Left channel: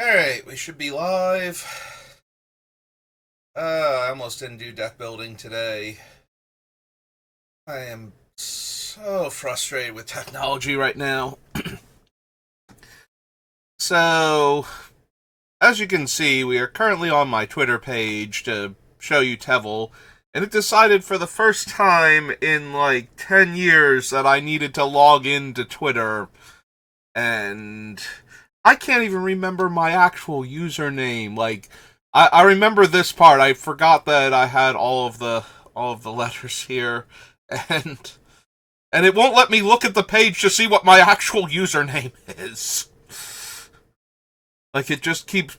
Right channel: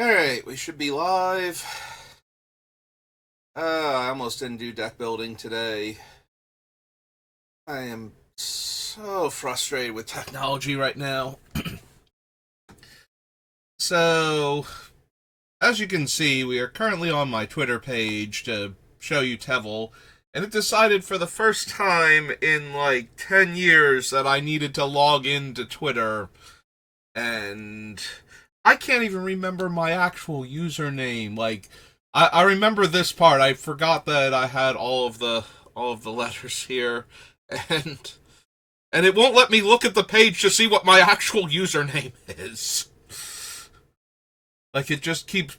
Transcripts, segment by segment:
Alright, we should be live. I almost didn't do deck building today. I am so frustrated with technology right now. So, as you can see, we are currently on my Twitter page to show you Teval, and it decided for the first time in like 10 years that I needed to log into Twitter, and I can't even remember my actual username. Like, I remember this part. I forgot that I had all of the letters here, and and it won't let me look at the page to see what my actual username is. Like, it just keeps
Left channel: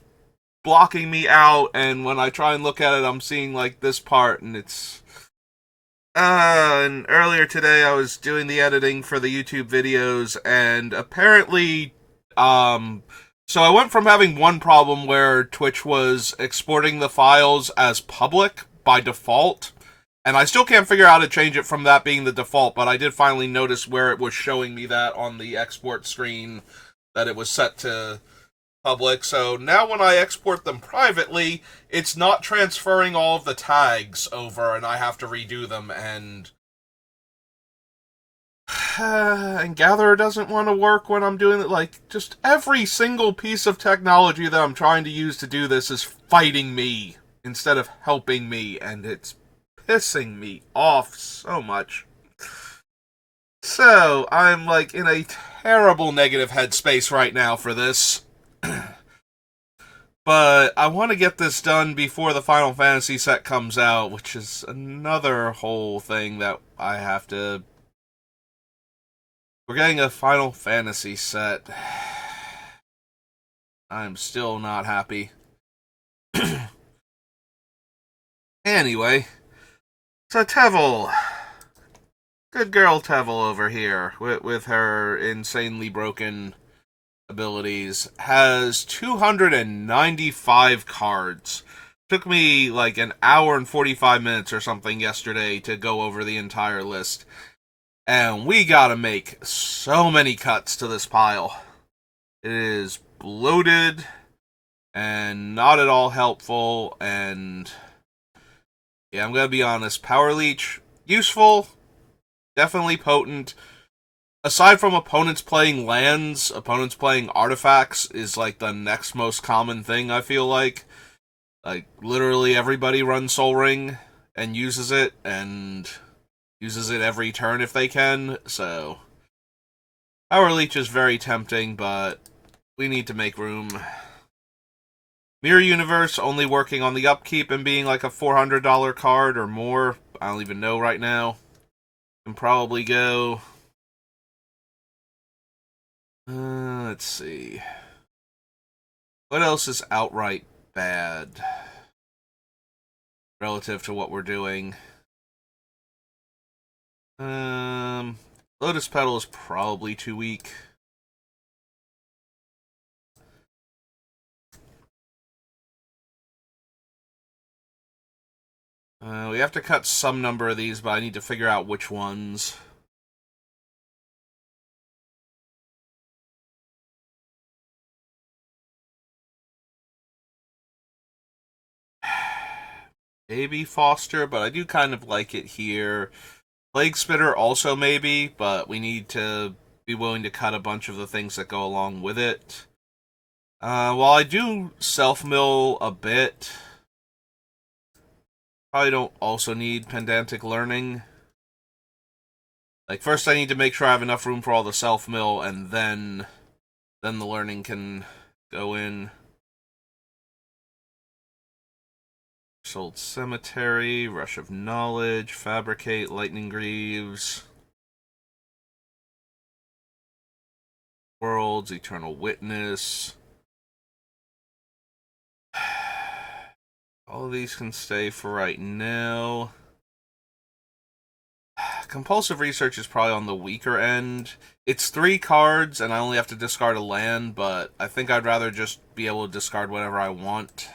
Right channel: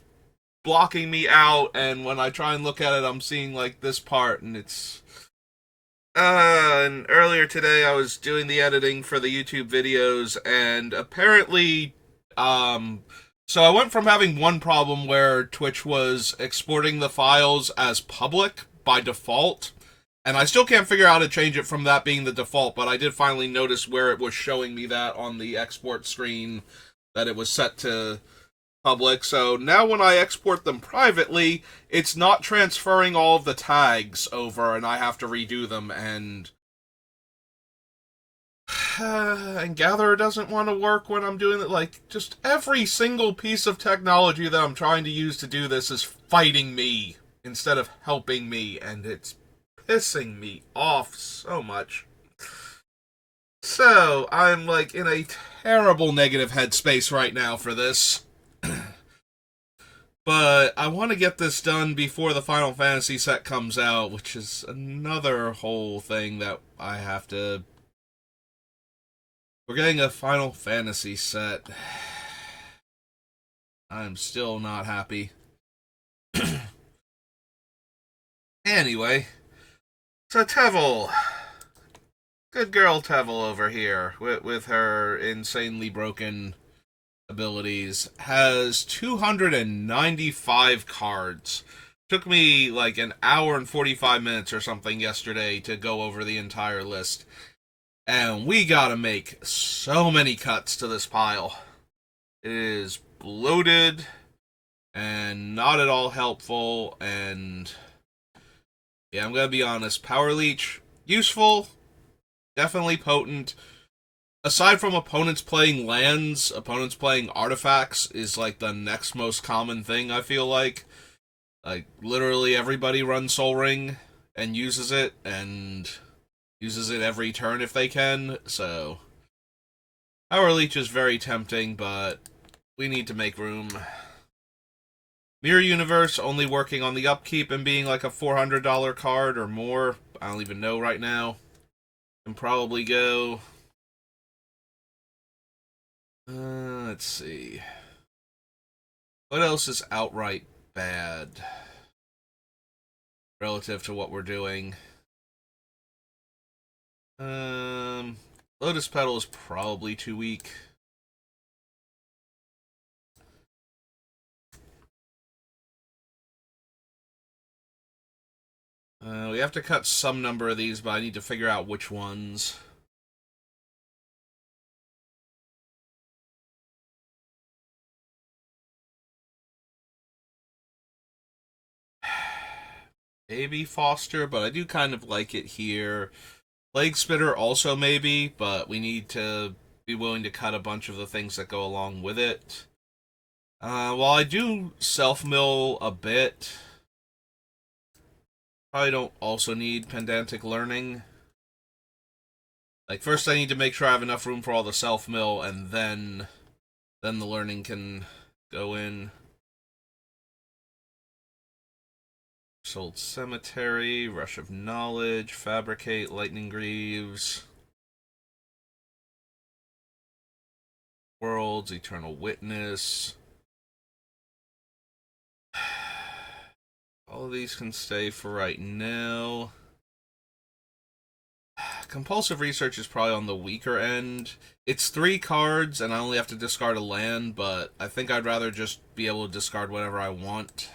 blocking me out, and when I try and look at it, I'm seeing like this part, and it's. And earlier today, I was doing the editing for the YouTube videos, and apparently, so I went from having one problem where Twitch was exporting the files as public by default, and I still can't figure out how to change it from that being the default, but I did finally notice where it was showing me that on the export screen, that it was set to public. So now when I export them privately, it's not transferring all of the tags over, and I have to redo them. And Gatherer doesn't want to work when I'm doing it. Like, just every single piece of technology that I'm trying to use to do this is fighting me instead of helping me, and it's pissing me off so much. So I'm like in a terrible negative headspace right now for this. But I want to get this done before the Final Fantasy set comes out, which is another whole thing that I have to. We're getting a Final Fantasy set. I'm still not happy. Anyway, so Teval. Good girl Teval over here, with her insanely broken abilities, has 295 cards. Took me like an hour and 45 minutes or something yesterday to go over the entire list. And we gotta make so many cuts to this pile. It is bloated and not at all helpful. And yeah, I'm gonna be honest. Power Leech, useful, definitely potent. Aside from opponents playing lands, opponents playing artifacts is like the next most common thing, I feel like. Like, literally everybody runs Soul Ring and uses it every turn if they can, so. Power Leech is very tempting, but we need to make room. Mirror Universe only working on the upkeep and being like a $400 card or more. I don't even know right now. Can probably go. Let's see. What else is outright bad relative to what we're doing? Lotus Petal is probably too weak. We have to cut some number of these, but I need to figure out which ones. Maybe Foster, but I do kind of like it here. Leg Spitter also maybe, but we need to be willing to cut a bunch of the things that go along with it. While I do self-mill a bit, probably don't also need Pedantic Learning. Like, first I need to make sure I have enough room for all the self-mill, and then the learning can go in. Sold Cemetery, Rush of Knowledge, Fabricate, Lightning Greaves, Worlds, Eternal Witness. All of these can stay for right now. Compulsive Research is probably on the weaker end. It's 3 cards, and I only have to discard a land, but I think I'd rather just be able to discard whatever I want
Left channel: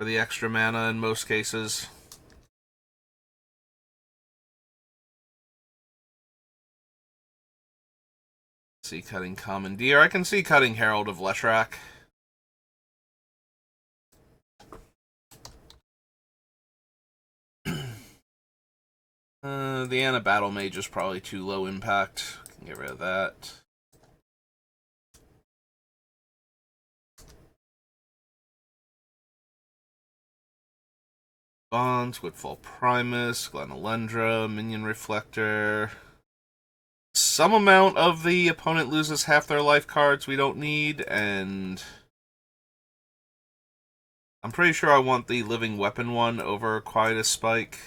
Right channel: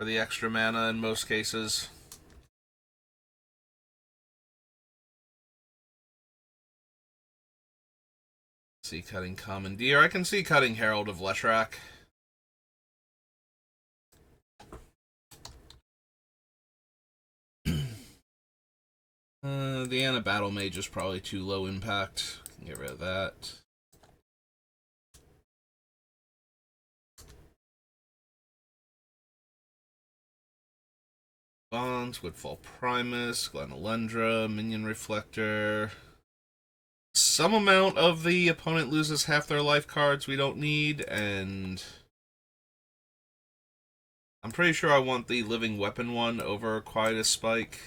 for the extra mana in most cases. See, cutting Commandeer. I can see cutting Herald of Leshrac. The Anna Battle Mage is probably too low impact. Can get rid of that. Bonds, Woodfall Primus, Glenalendra, Minion Reflector. Some amount of the opponent loses half their life cards we don't need, and I'm pretty sure I want the Living Weapon one over Quietus Spike.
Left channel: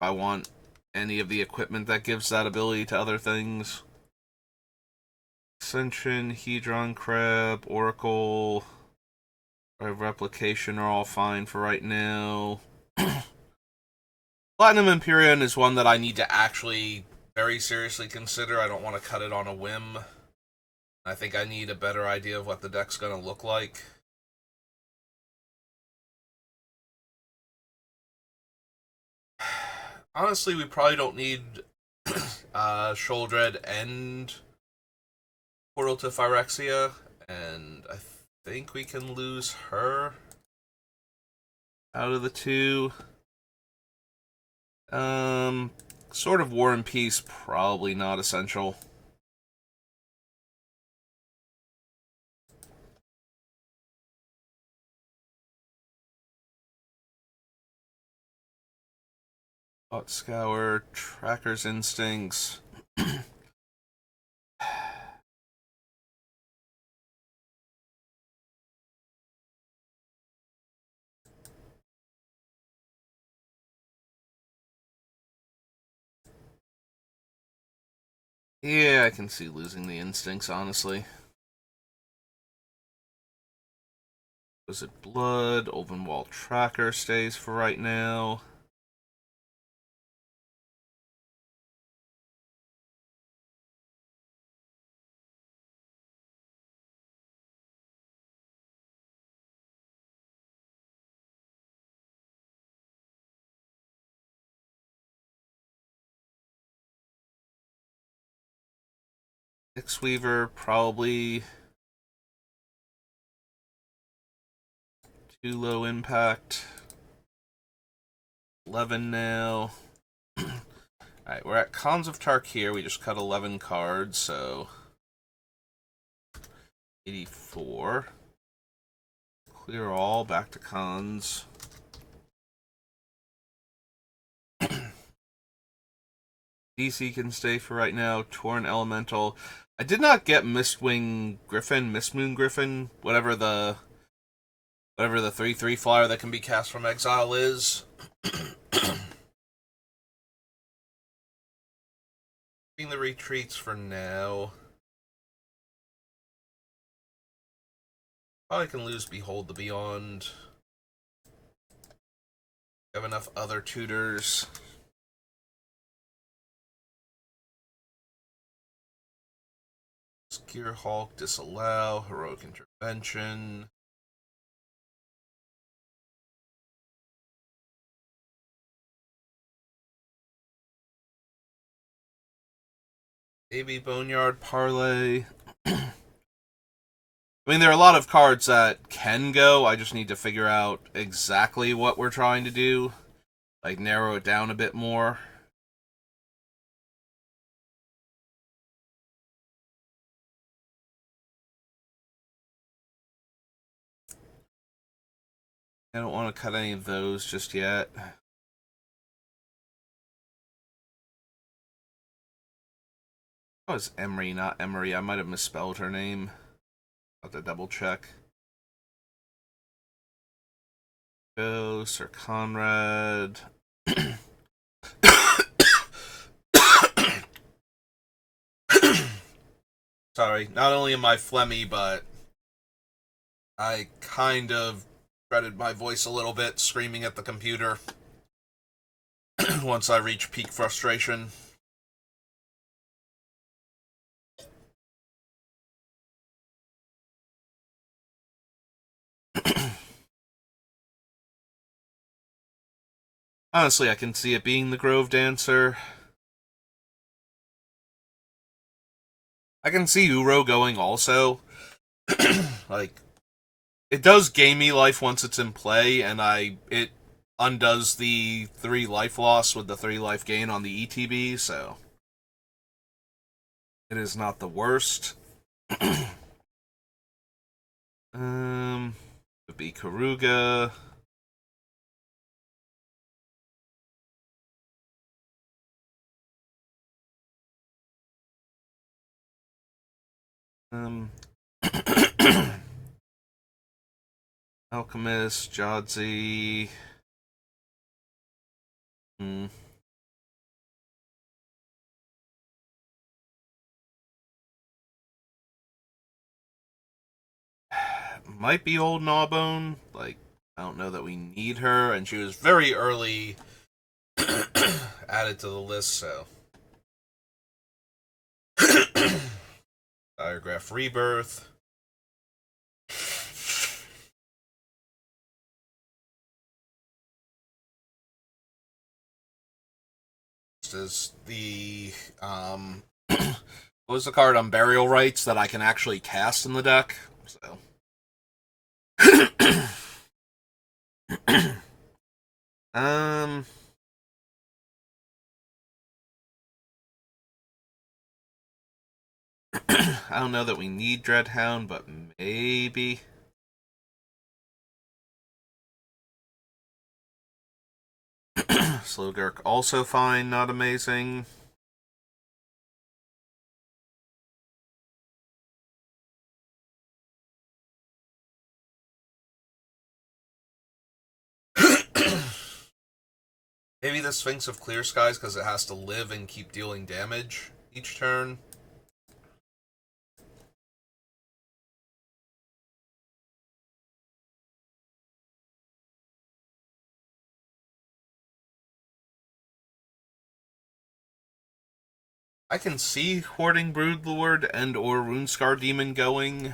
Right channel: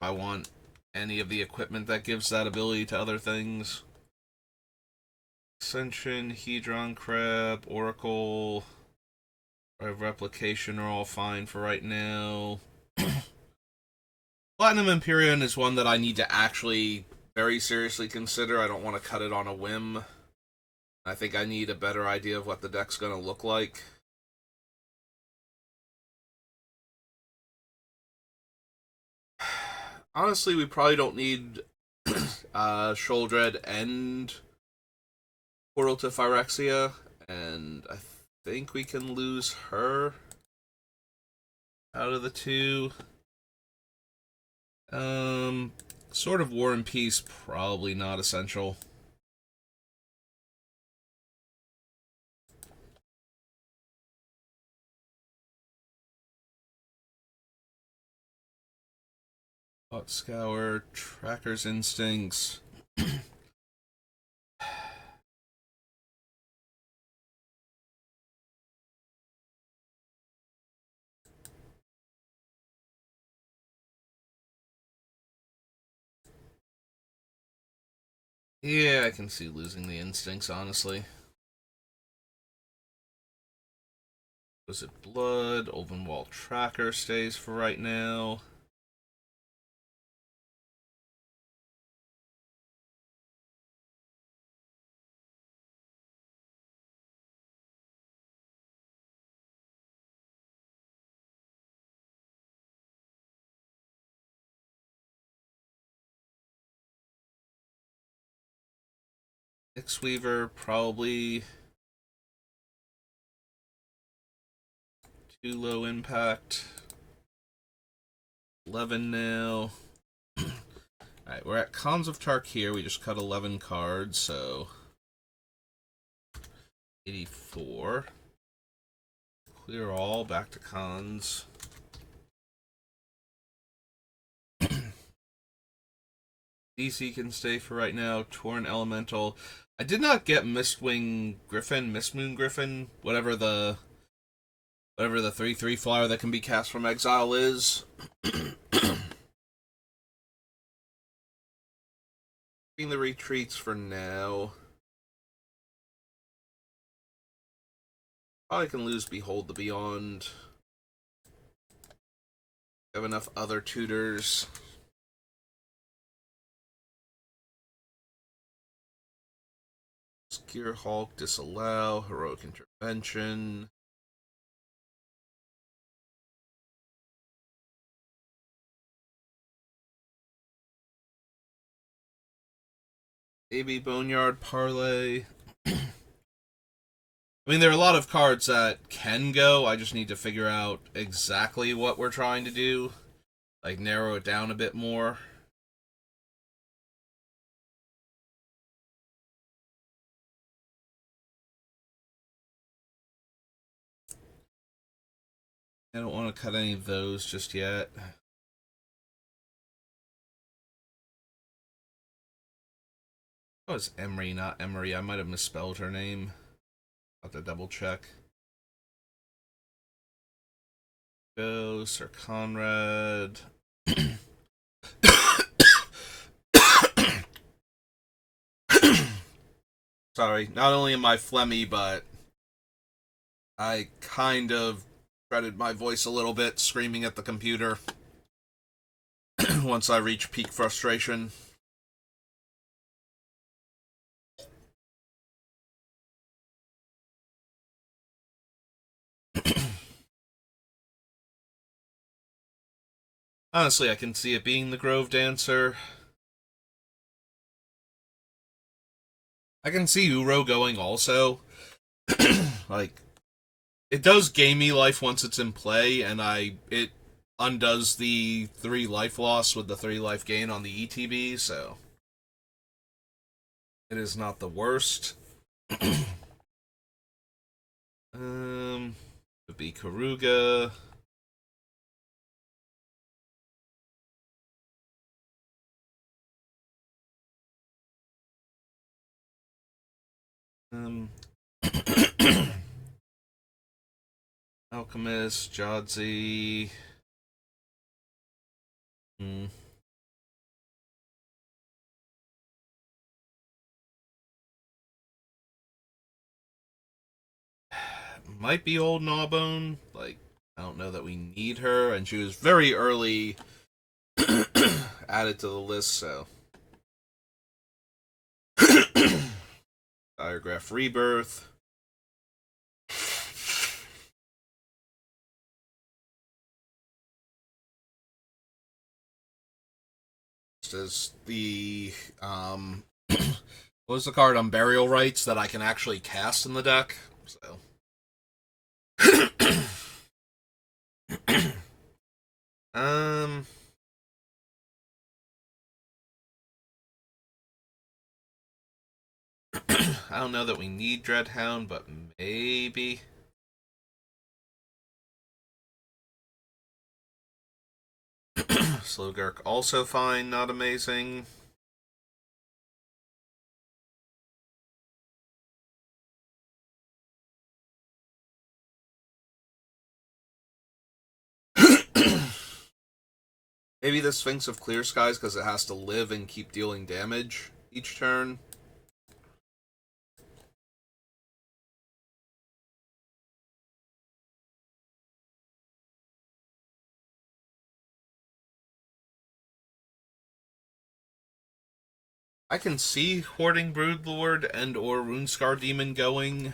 If I want any of the equipment that gives that ability to other things. Ascension, Hedron Crab, Oracle, Replication are all fine for right now. Platinum Empyrean is one that I need to actually very seriously consider. I don't want to cut it on a whim. I think I need a better idea of what the deck's going to look like. Honestly, we probably don't need Sholdred and Portal to Phyrexia, and I think we can lose her out of the two. Sword of War and Peace, probably not essential. Thought Scour, Tracker's Instincts. Yeah, I can see losing the Instincts, honestly. Was it Blood? Olvenwald Tracker stays for right now. X-Weaver, probably too low impact. 11 now. Alright, we're at Cons of Tarkir. We just cut 11 cards, so 84. Clear all, back to Cons. DC can stay for right now. Torn Elemental. I did not get Mistwing Griffin, Mistmoon Griffin, whatever the 3/3 flyer that can be cast from exile is. The retreats for now. Probably can lose Behold the Beyond. Have enough other tutors. Gear Hulk, Disallow, Heroic Intervention. Maybe Boneyard Parlay. I mean, there are a lot of cards that can go. I just need to figure out exactly what we're trying to do. Like, narrow it down a bit more. I don't want to cut any of those just yet. Oh, it's Emery, not Emery. I might have misspelled her name. I'll have to double check. Go, Sir Conrad. Sorry, not only am I phlegmy, but I kind of shredded my voice a little bit screaming at the computer once I reach peak frustration. Honestly, I can see it being the Grove Dancer. I can see Uro going also. Like, it does gamey life once it's in play, and undoes the 3 life loss with the 3 life gain on the ETB, so it is not the worst. Would be Karuga. Alchemist, Jadzi. Might be old Gnawbone. Like, I don't know that we need her, and she was very early added to the list, so. Diagraph Rebirth. Is the what was the card on Burial Rites that I can actually cast in the deck? So um I don't know that we need Dreadhound, but maybe. Slowgurk also fine, not amazing. Maybe the Sphinx of Clear Skies because it has to live and keep dealing damage each turn. I can see Hoarding Broodlord and or Runescar Demon going.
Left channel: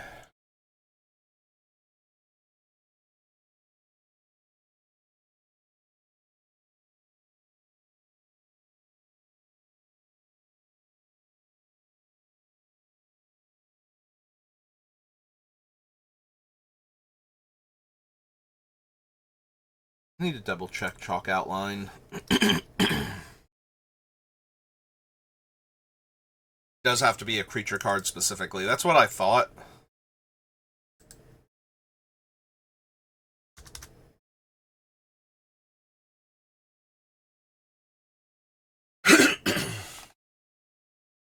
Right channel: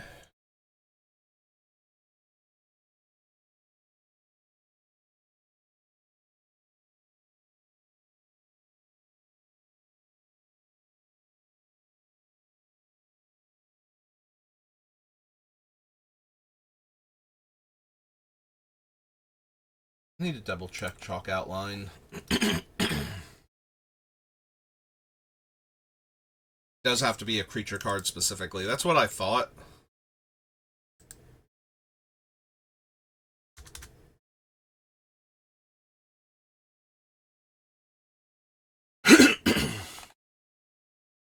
I need to double check Chalk Outline. Does have to be a creature card specifically. That's what I thought.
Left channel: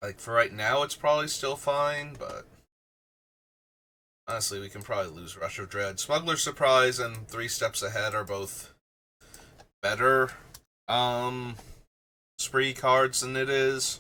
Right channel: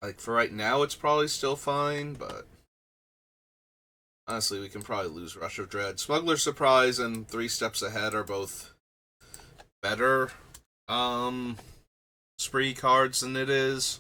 Like, for right now, it's probably still fine, but honestly, we can probably lose Rush of Dread. Smuggler's Surprise and 3 Steps Ahead are both better spree cards than it is.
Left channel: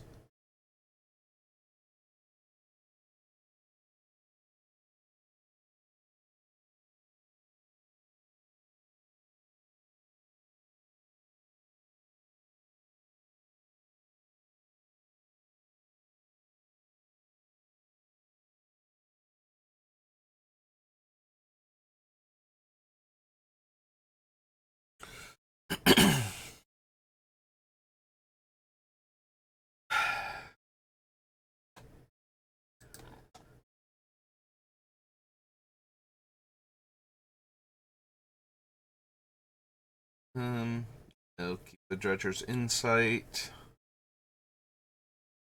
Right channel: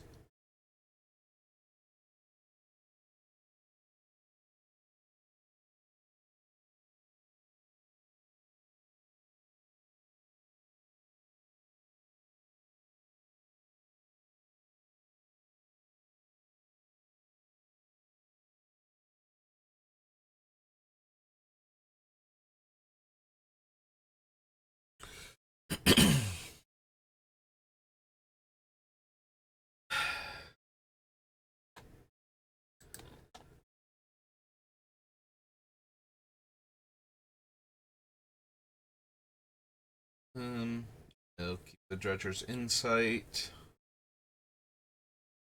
No, keep the Dredger's Insight.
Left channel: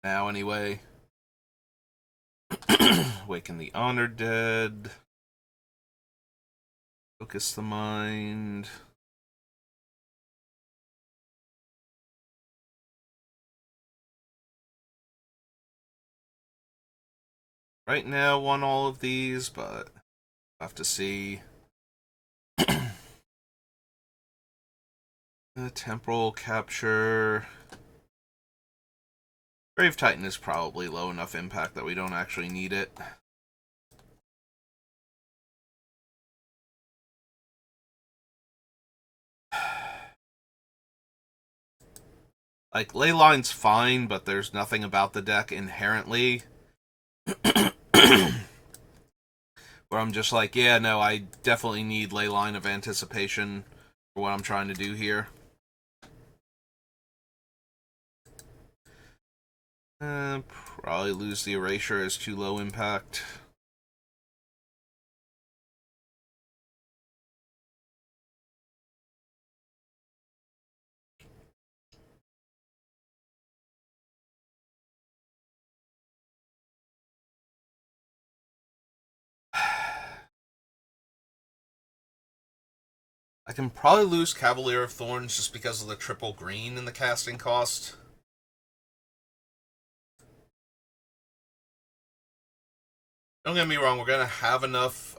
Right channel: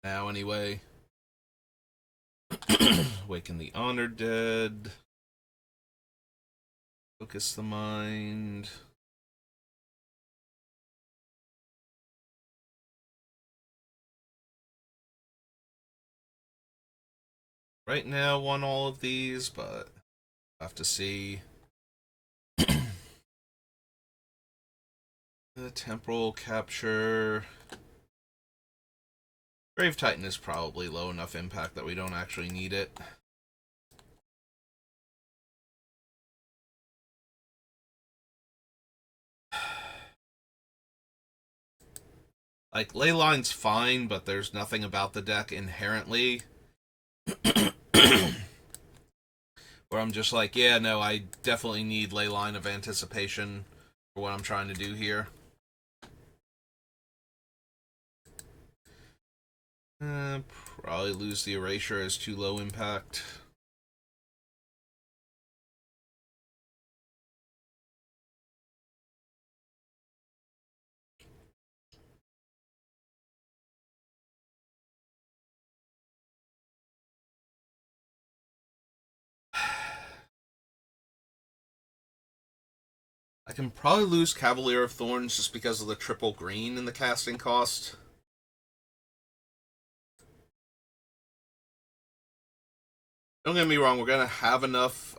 Now, anyway. Waken the Honored Dead. Focus the Mind. Right now, won all of these, but I'll have to see. The Temporal Capture. Grave Titan is probably low enough impact that we don't actually need it. Like, Leyline's fine, but there's nothing about the deck inherently where I'm just like, yeah, no, I definitely need Leyline of Anticipation for what I'm trying to do here. Probably lose the Erasure as too low impact. I can probably lose Cavalier of Thorns just because of the triple green in the casting cost. Don't get me wrong, we're going to have enough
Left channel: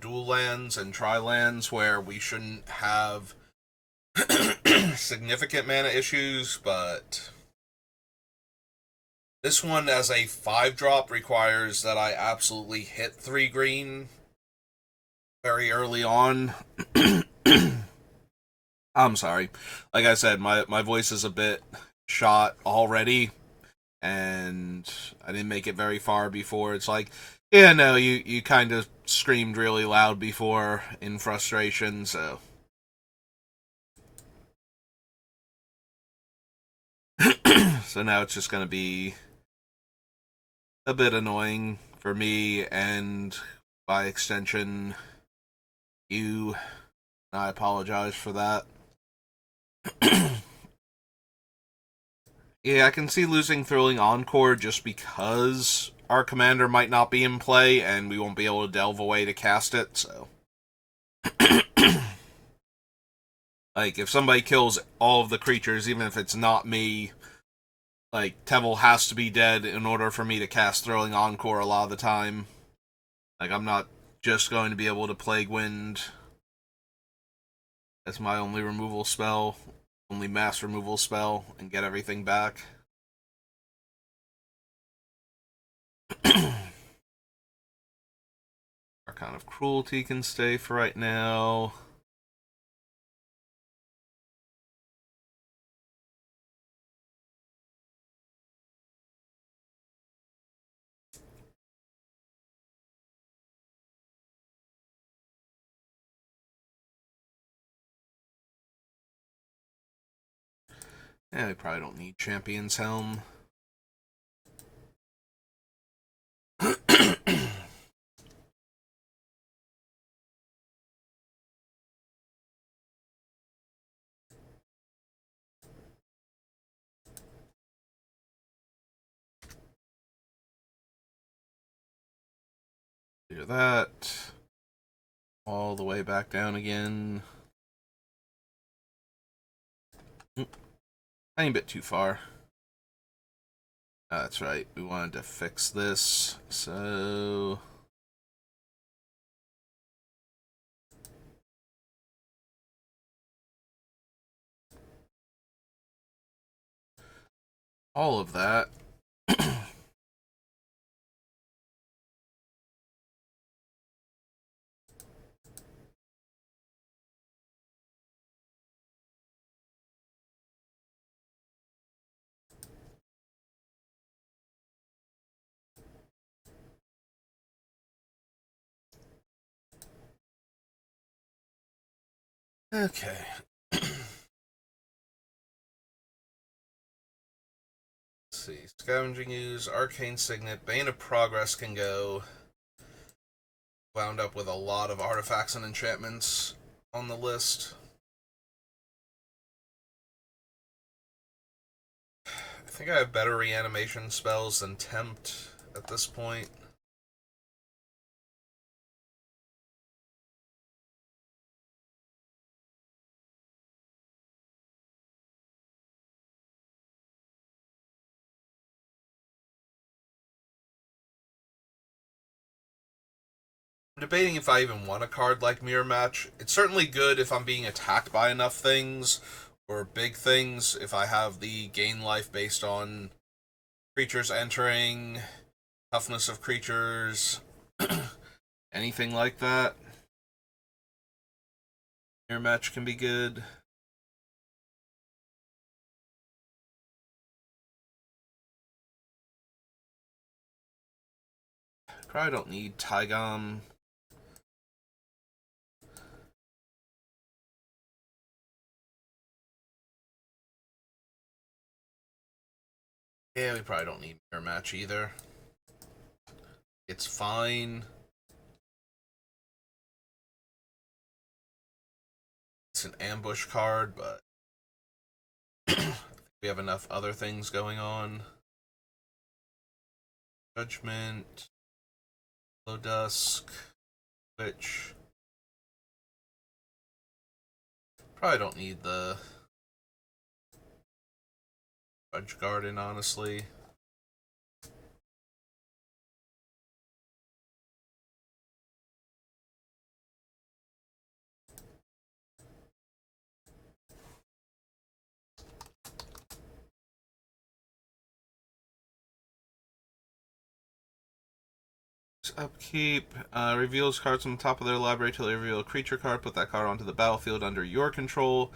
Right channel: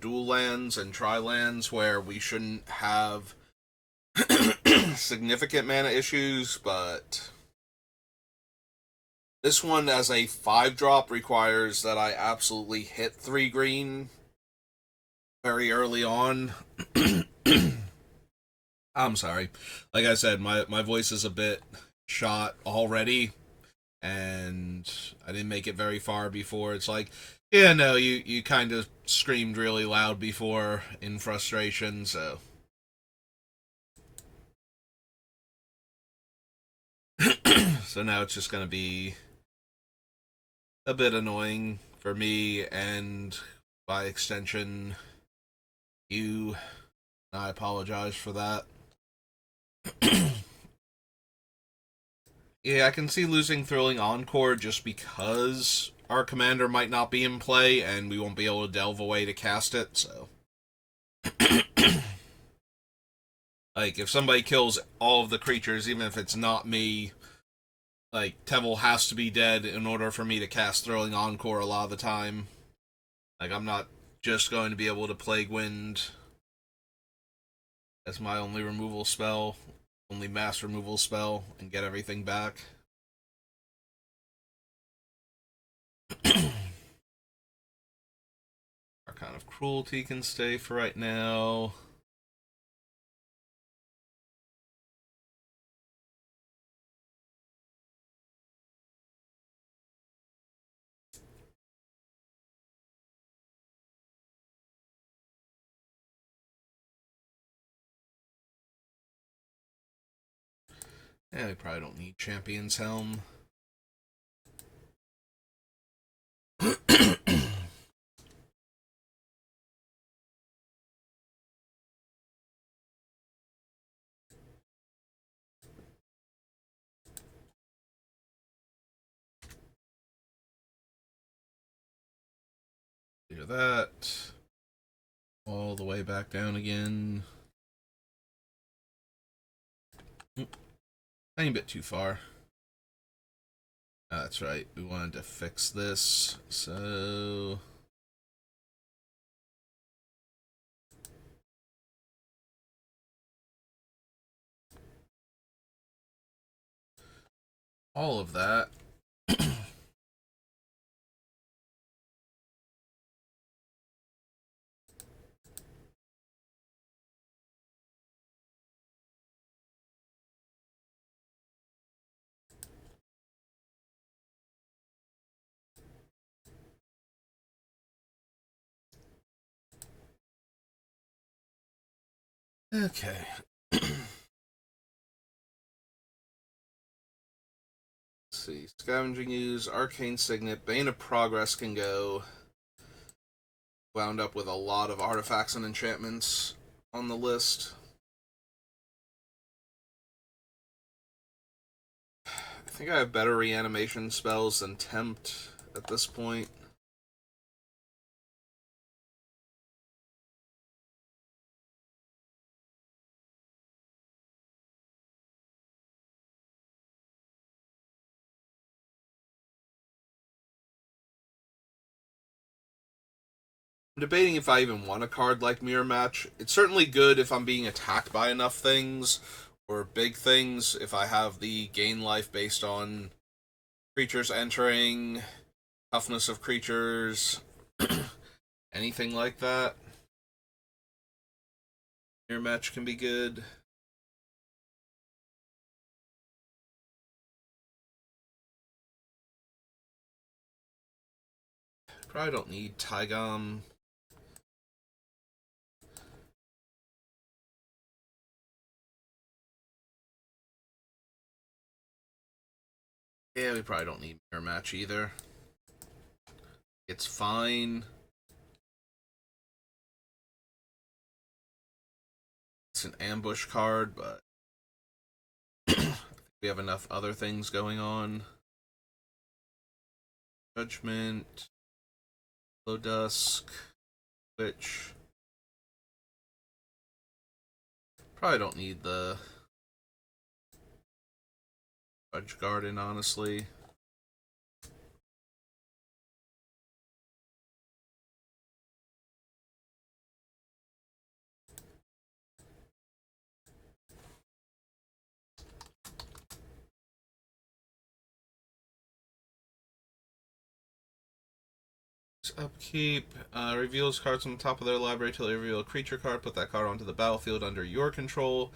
dual lands and tri lands where we shouldn't have significant mana issues, but this one as a 5-drop requires that I absolutely hit 3 green very early on. I'm sorry. Like I said, my voice is a bit shot already, and I didn't make it very far before. It's like, yeah, no, you kind of screamed really loud before in frustration, so. So now it's just going to be a bit annoying for me and, by extension, you. I apologize for that. Yeah, I can see losing Thrilling Encore just because our commander might not be in play and we won't be able to delve away to cast it, so. Like, if somebody kills all of the creatures, even if it's not me, like, Teval has to be dead in order for me to cast Thrilling Encore a lot of the time. Like, I'm not just going to be able to Plague Wind as my only removal spell, only mass removal spell, and get everything back. Archon of Cruelty can stay for right now. Yeah, we probably don't need Champion's Helm. Do that. All the way back down again. Tiny bit too far. That's right. We wanted to fix this. So. All of that. Okay. Let's see. Scavenging Ooze, Arcane Signet, Bane of Progress can go. Wound up with a lot of artifacts and enchantments on the list. I think I have better reanimation spells than Tempt at this point. I'm debating if I even want a card like Mirror Match. It's certainly good if I'm being attacked by enough things, or big things, if I have the gain life based on creatures entering, toughness of creatures, anything like that. Mirror Match can be good. Probably don't need Tygom. Yeah, we probably don't need Mirror Match either. It's fine. It's an ambush card, but we have enough other things going on. Judgment, Low Dusk, Witch. Probably don't need the Fudge Garden, honestly. Upkeep. Reveals cards from the top of their library till they reveal a creature card. Put that card onto the battlefield under your control.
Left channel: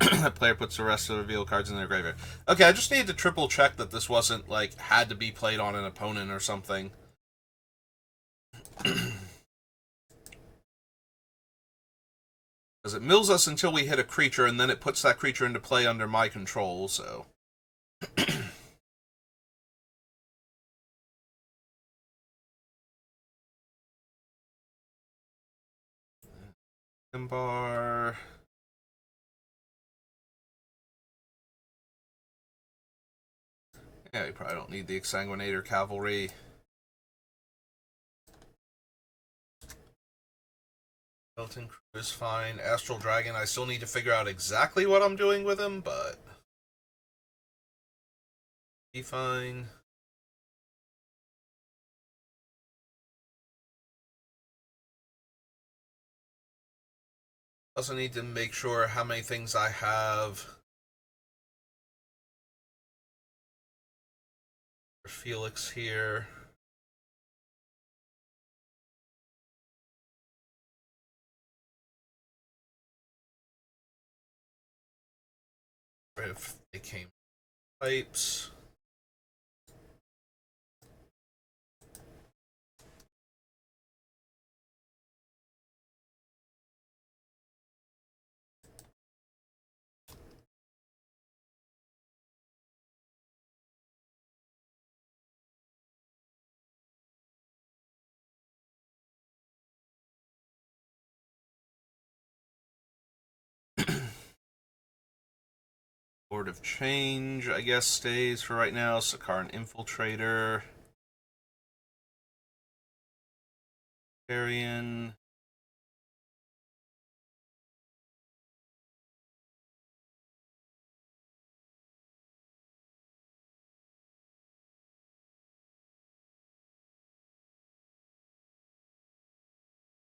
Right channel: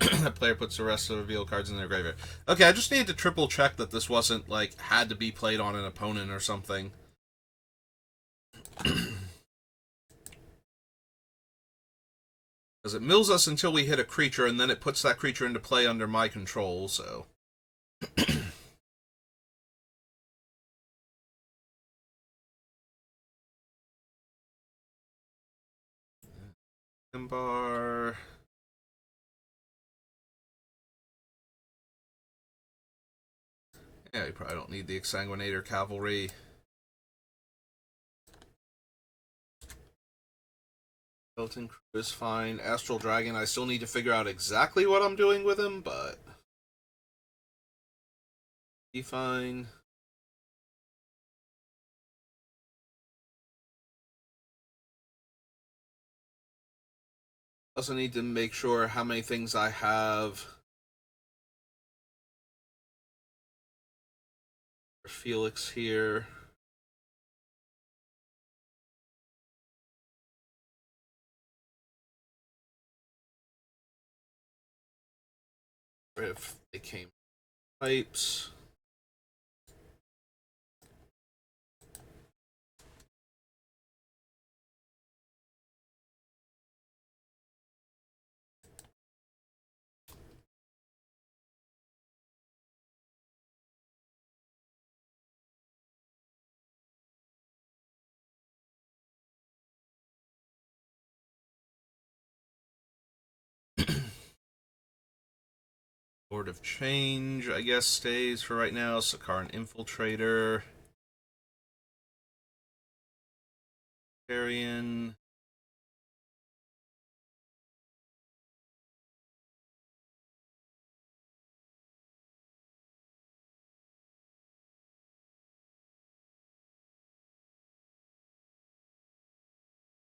That player puts the rest of the revealed cards in their graveyard. Okay, I just needed to triple check that this wasn't, like, had to be played on an opponent or something. Because it mills us until we hit a creature, and then it puts that creature into play under my control, so... Bar. Yeah, you probably don't need the Exsanguinator Cavalry. Skeleton Crew is fine. Astral Dragon, I still need to figure out exactly what I'm doing with him, but... be fine. Also need to make sure how many things I have. Felix here. If they came pipes. Lord of Change, I guess, stays for right now. Sakaran Infiltrator. Arian.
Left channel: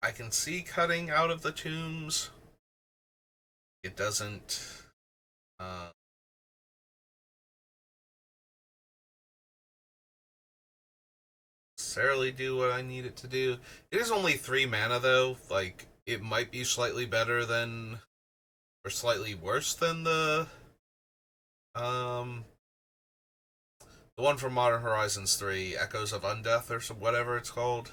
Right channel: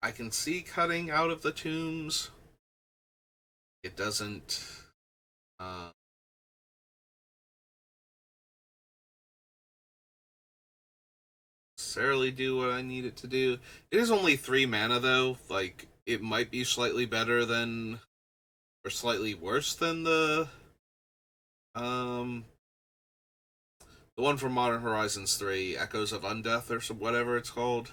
I can see cutting out of the tombs. It doesn't necessarily do what I need it to do. It is only 3 mana though. Like, it might be slightly better than, or slightly worse than the one from Modern Horizons 3, Echoes of Undeath or some, whatever it's called.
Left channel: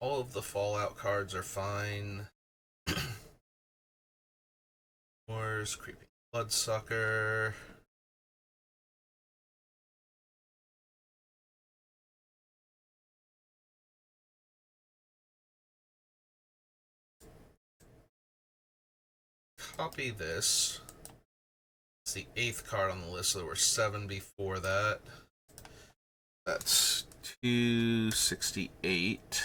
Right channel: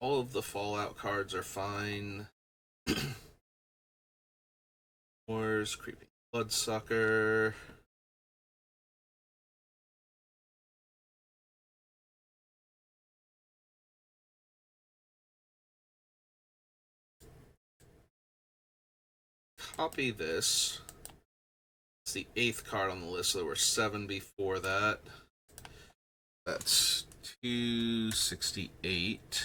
All of the Fallout cards are fine. Wars, Creeping Bloodsucker. Copy this. It's the 8th card on the list, so there were 7 before that. That's 268.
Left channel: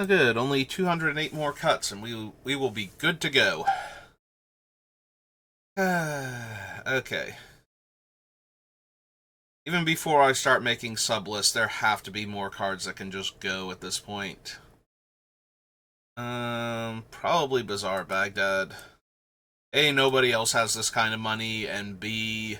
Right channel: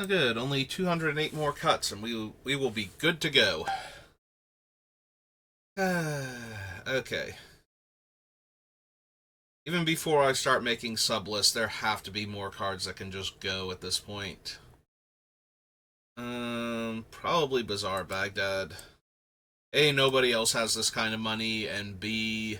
Oh, good. Only 208 more cuts, and we will be good to go. Okay. Even before I start making sublists, there have to be more cards that can just go at this point. Probably Bazaar Baghdad. A, nobody else has this kind of money, and B,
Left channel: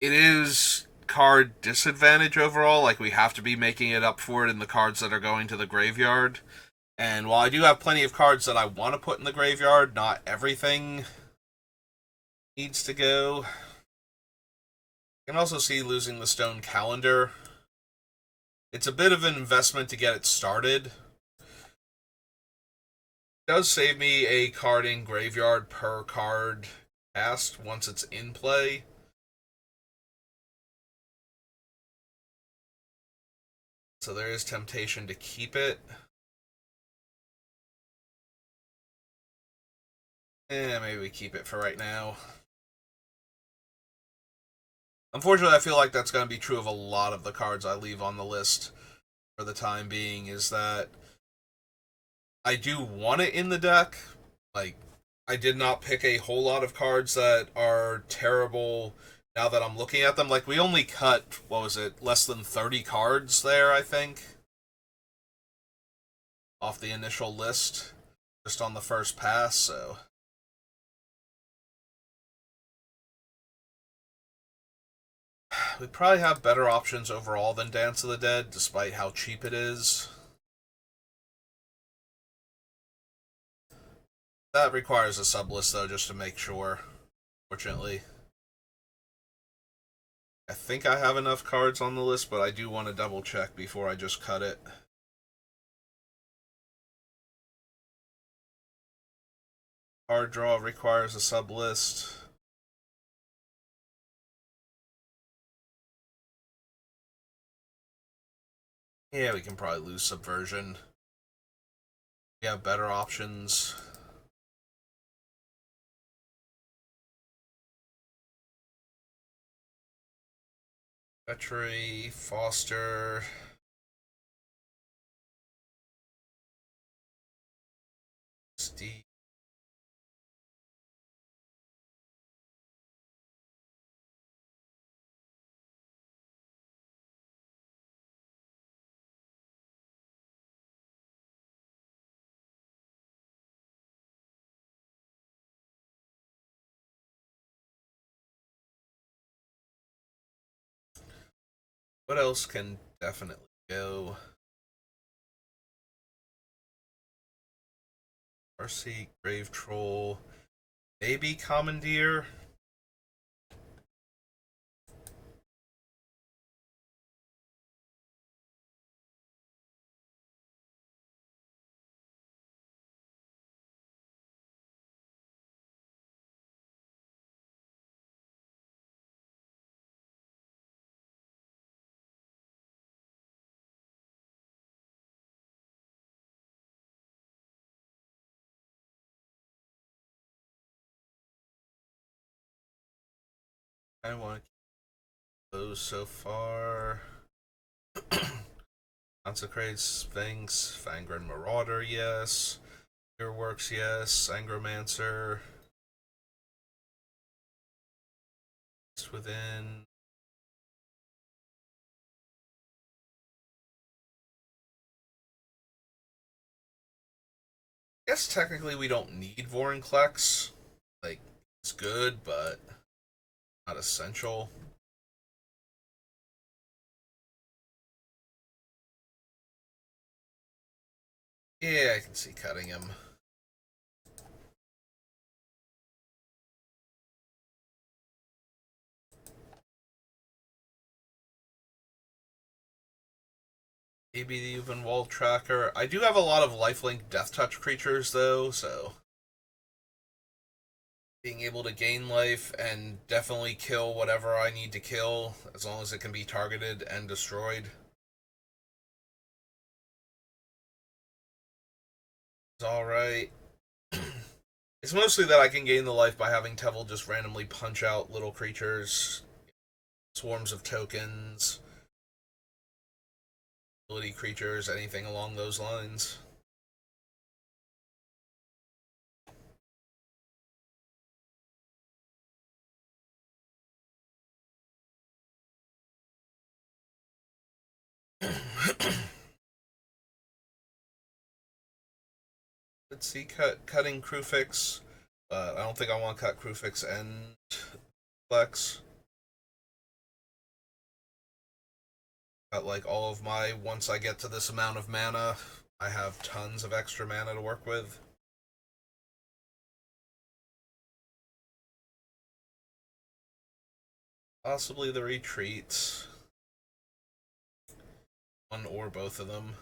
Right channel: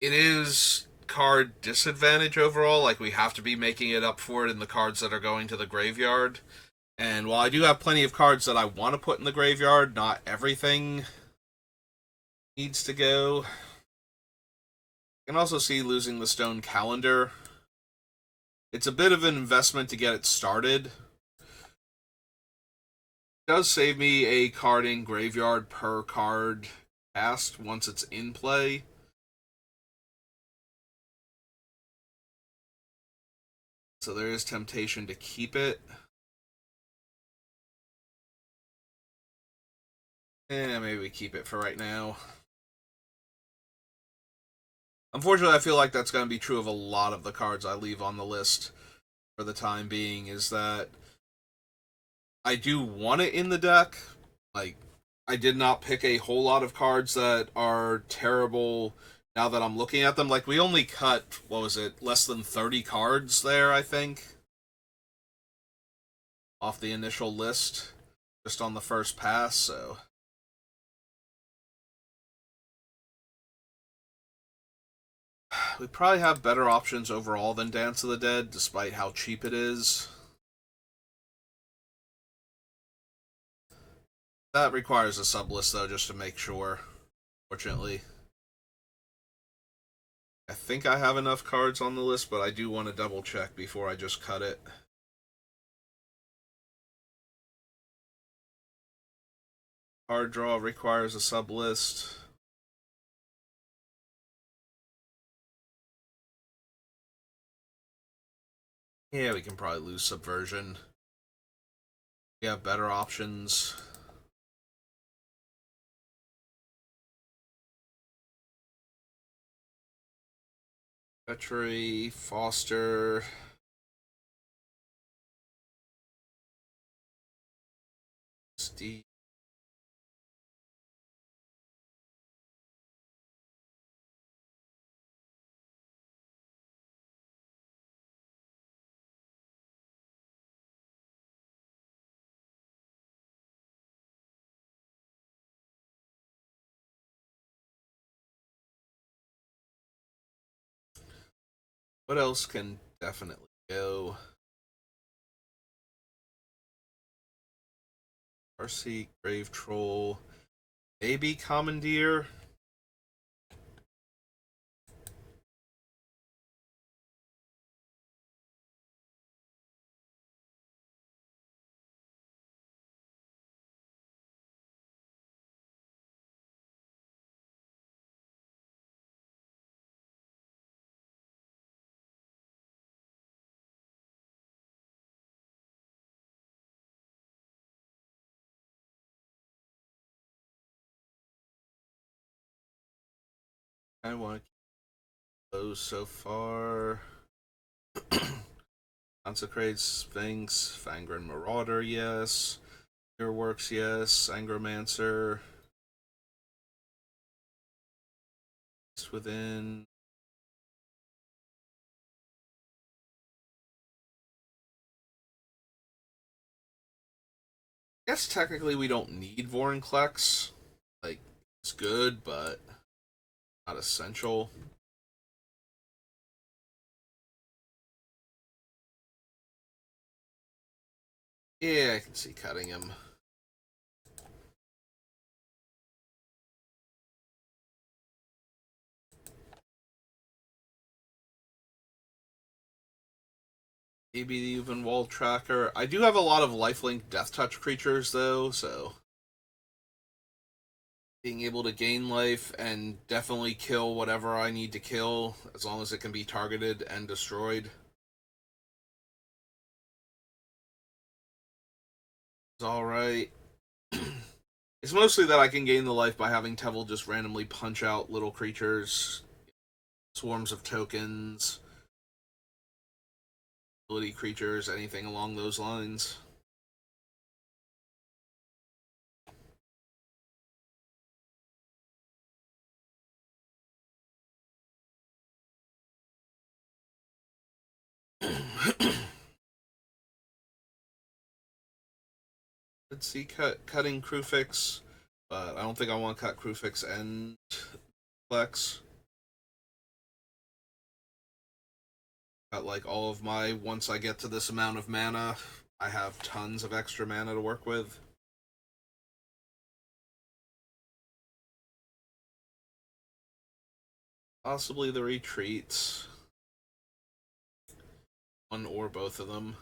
it is card disadvantage overall. Like, we have to be making it up for it in the cards that are going to the graveyard. And while I do have plenty of cards that I want to put in the graveyard, not everything needs to go. You can also see losing the Stone Calendar. It's a bit of an investment to get it started. It does save me a card in graveyard per card cast once it's in play. So there is temptation to keep it. Maybe we keep it for right now. Unfortunately, I feel like that's going to be true of a lot of the cards I leave on the list for the time being, is that I do want it in the deck. Like, I did not pick a whole lot of cards that are terrible now that I'm looking at them. Like, we only cut, what was it, less than 30 cards there, I think, off the initial list, just on the first pass, so... We probably have better options overall than Dance of the Dead, despite how cheap it is. That requires a sublist, though, just to make sure, fortunately. I think I have enough cards on the list, but I do want to double check before I just cut it. Card draw requires a sublist. Yeah, we can probably lose Subversion. We have better options. Petrie, Foster. Steve. What else can definitely go? Farseek, Grave Troll, maybe Commandeer. I want to keep those so far. Consecrated Sphinx, Fangren Marauder, yes. Works, yes. Angromancer. It's within. I guess technically we don't need Vorinclex. Like, it's good, but not essential. Yeah, I can see cutting him. Maybe the even Wall Tracker. I do have a lot of lifelink Death Touch creatures, though, so being able to gain life and definitely kill whatever I need to kill, as long as it can be targeted and destroyed, is alright. It's mostly that I can gain the life by having Teval just randomly punch out little creatures, swarms of tokens, ability creatures, anything along those lines. Let's see, cutting Crewfix, but I don't think I want to cut Crewfix and Flex. Got like all of my, once I get to this amount of mana, I have tons of extra mana to work with. Possibly the retreats. One or both of them.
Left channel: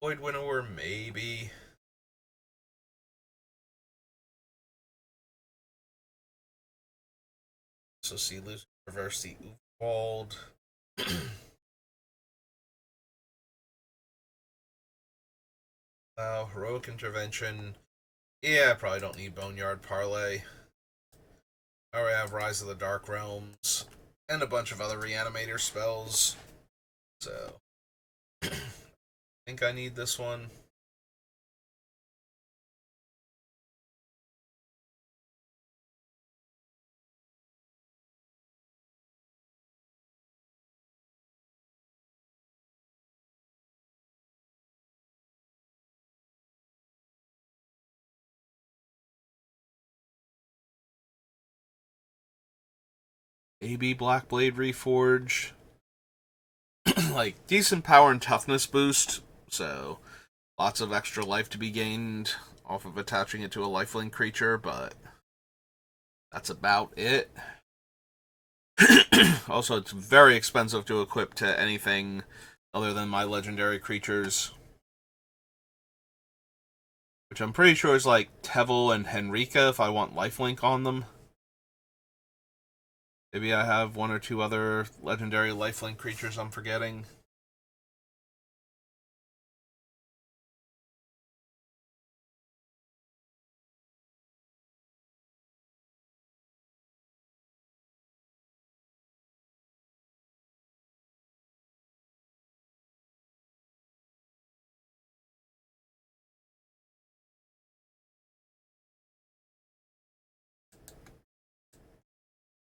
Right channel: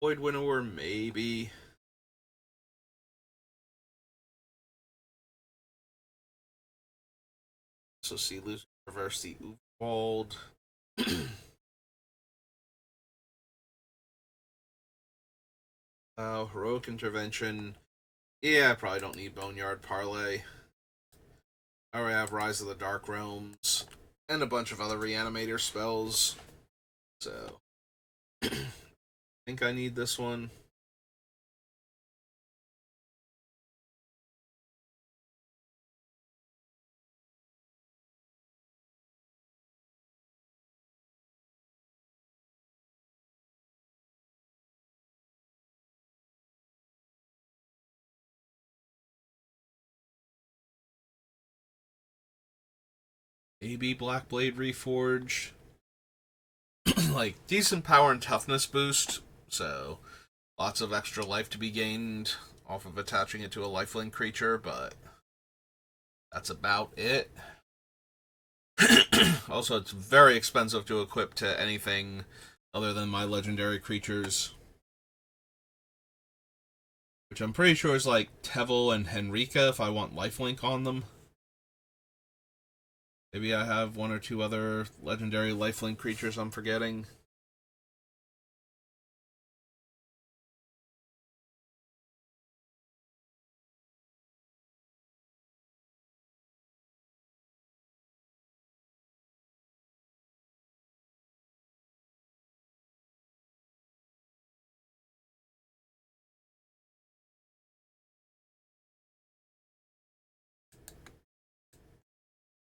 Void Winnower, maybe. So see, lose, reverse the Uwald. Heroic Intervention. Yeah, I probably don't need Boneyard Parlay. I already have Rise of the Dark Realms. And a bunch of other Reanimator spells. So, I think I need this one. AB Blackblade Reforge. Like, decent power and toughness boost. So, lots of extra life to be gained off of attaching it to a lifelink creature, but that's about it. Also, it's very expensive to equip to anything other than my legendary creatures. Which I'm pretty sure is like Teval and Henrika if I want lifelink on them. Maybe I have one or two other legendary lifelink creatures I'm forgetting.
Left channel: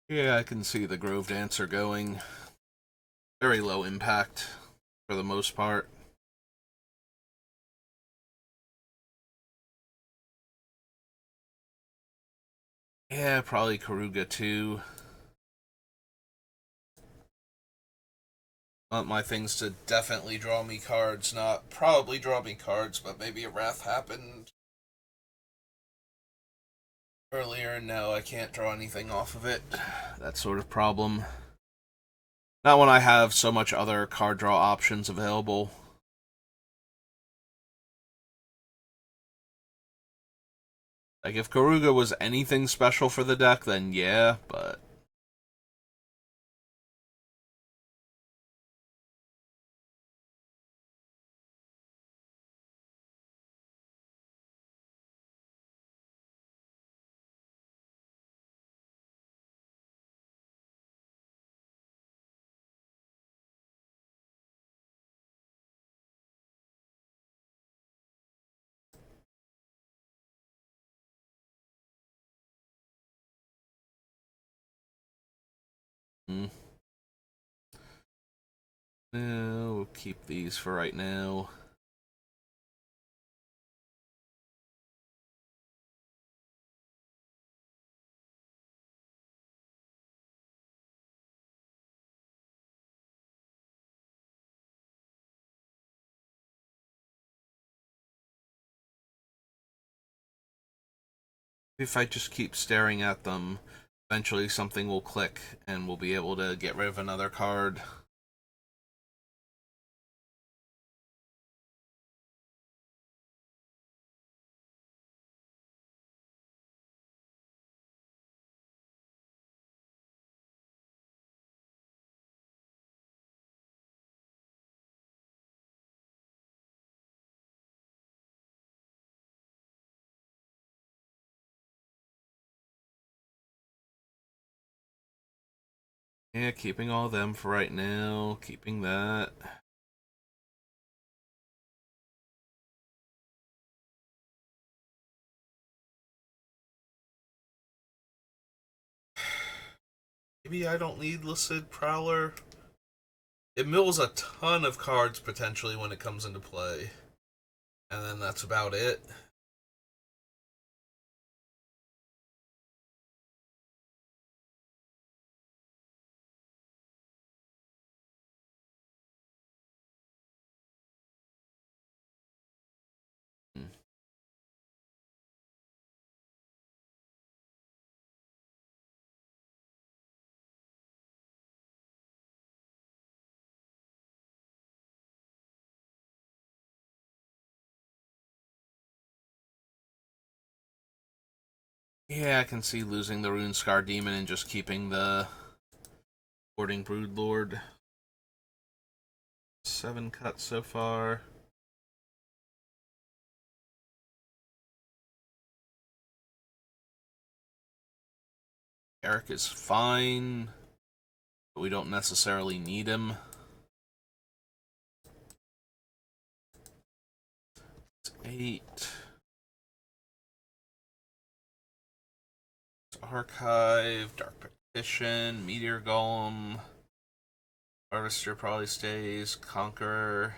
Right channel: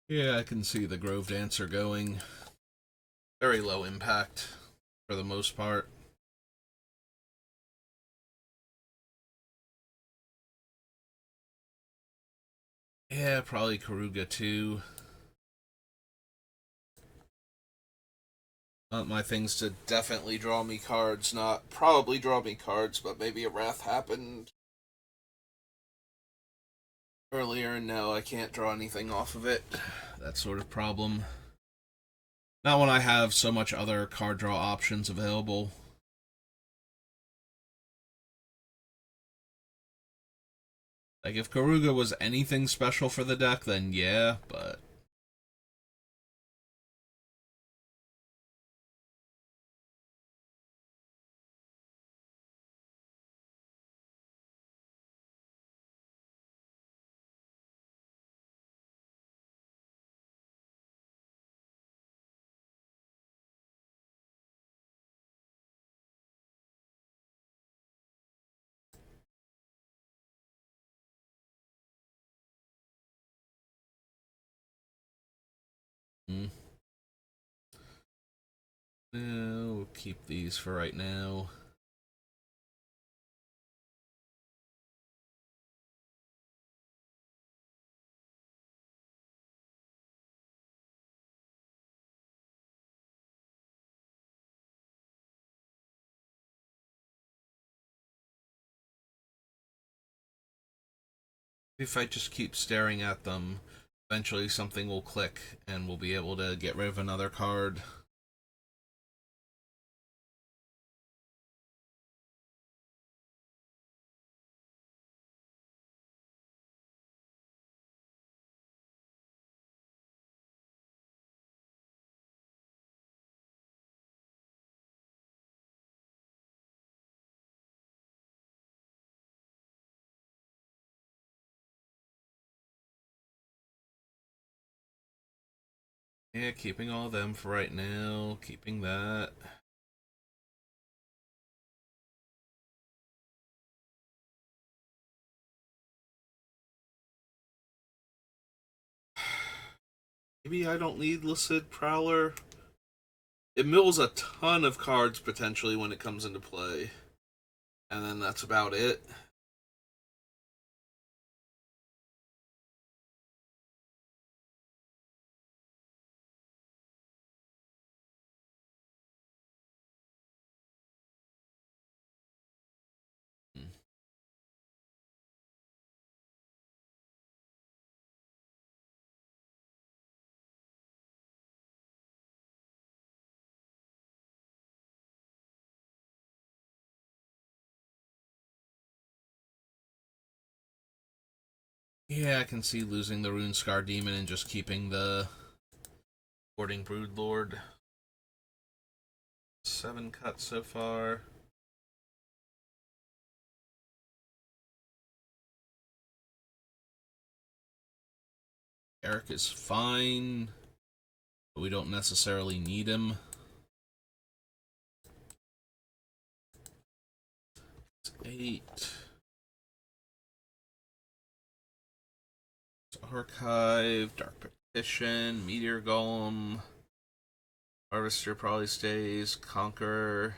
Yeah, I can see the Grove Dancer going. Very low impact for the most part. Yeah, probably Karuga too. Want my things to definitely draw me cards, not probably draw me cards, but maybe a Wrath happened earlier and now I can't draw anything off of it. That sort of problem. Not when I have so much other card draw options available. Like, if Karuga was anything special for the deck, then yeah, but... Mm. We'll keep these for right now. If I just keep staring at them, eventually something will click and we'll be able to get rid of another card. Yeah, keeping all of them for right now. Keeping that. Maybe I don't need Lucid Prowler. It mills a ton of cards potentially when it comes into play. And then that's about it. Yeah, I can see losing the Rune Scar Demon and just keeping the Boarding Broodlord. 7 cuts so far. Eric is fine, but we don't necessarily need him. It's 8. It's Archive, Dark Petition, Meteor Golem. Harvester probably stays. Conqueror.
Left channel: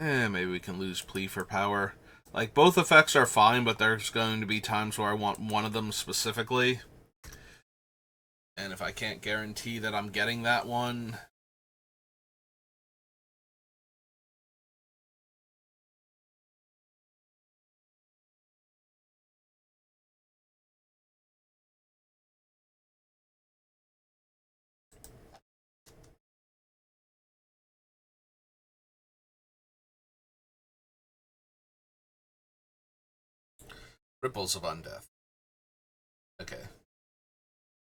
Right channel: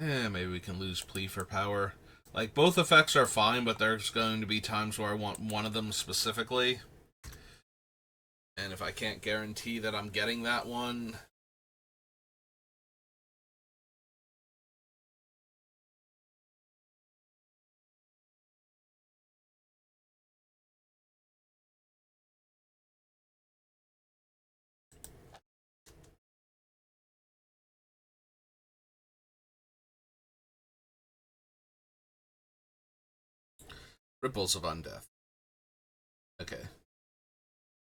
Maybe we can lose Plea for Power. Like, both effects are fine, but there's going to be times where I want one of them specifically. And if I can't guarantee that I'm getting that one... Ripples of Undeath. Okay.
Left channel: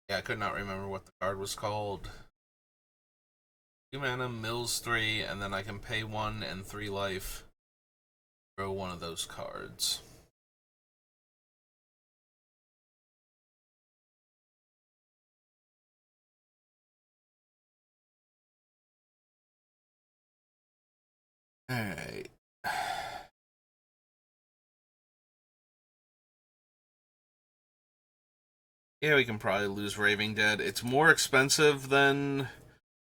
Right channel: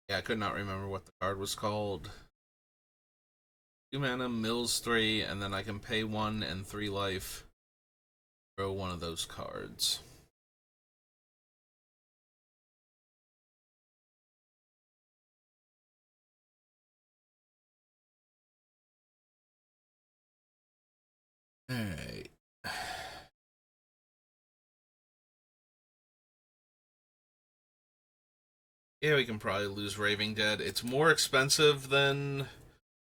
Yeah, I could not remember what the card was called. 2 mana, mills 3, and then I can pay 1 and 3 life. Throw one of those cards. Alright. Yeah, we can probably lose Raving Dead. It's more expensive than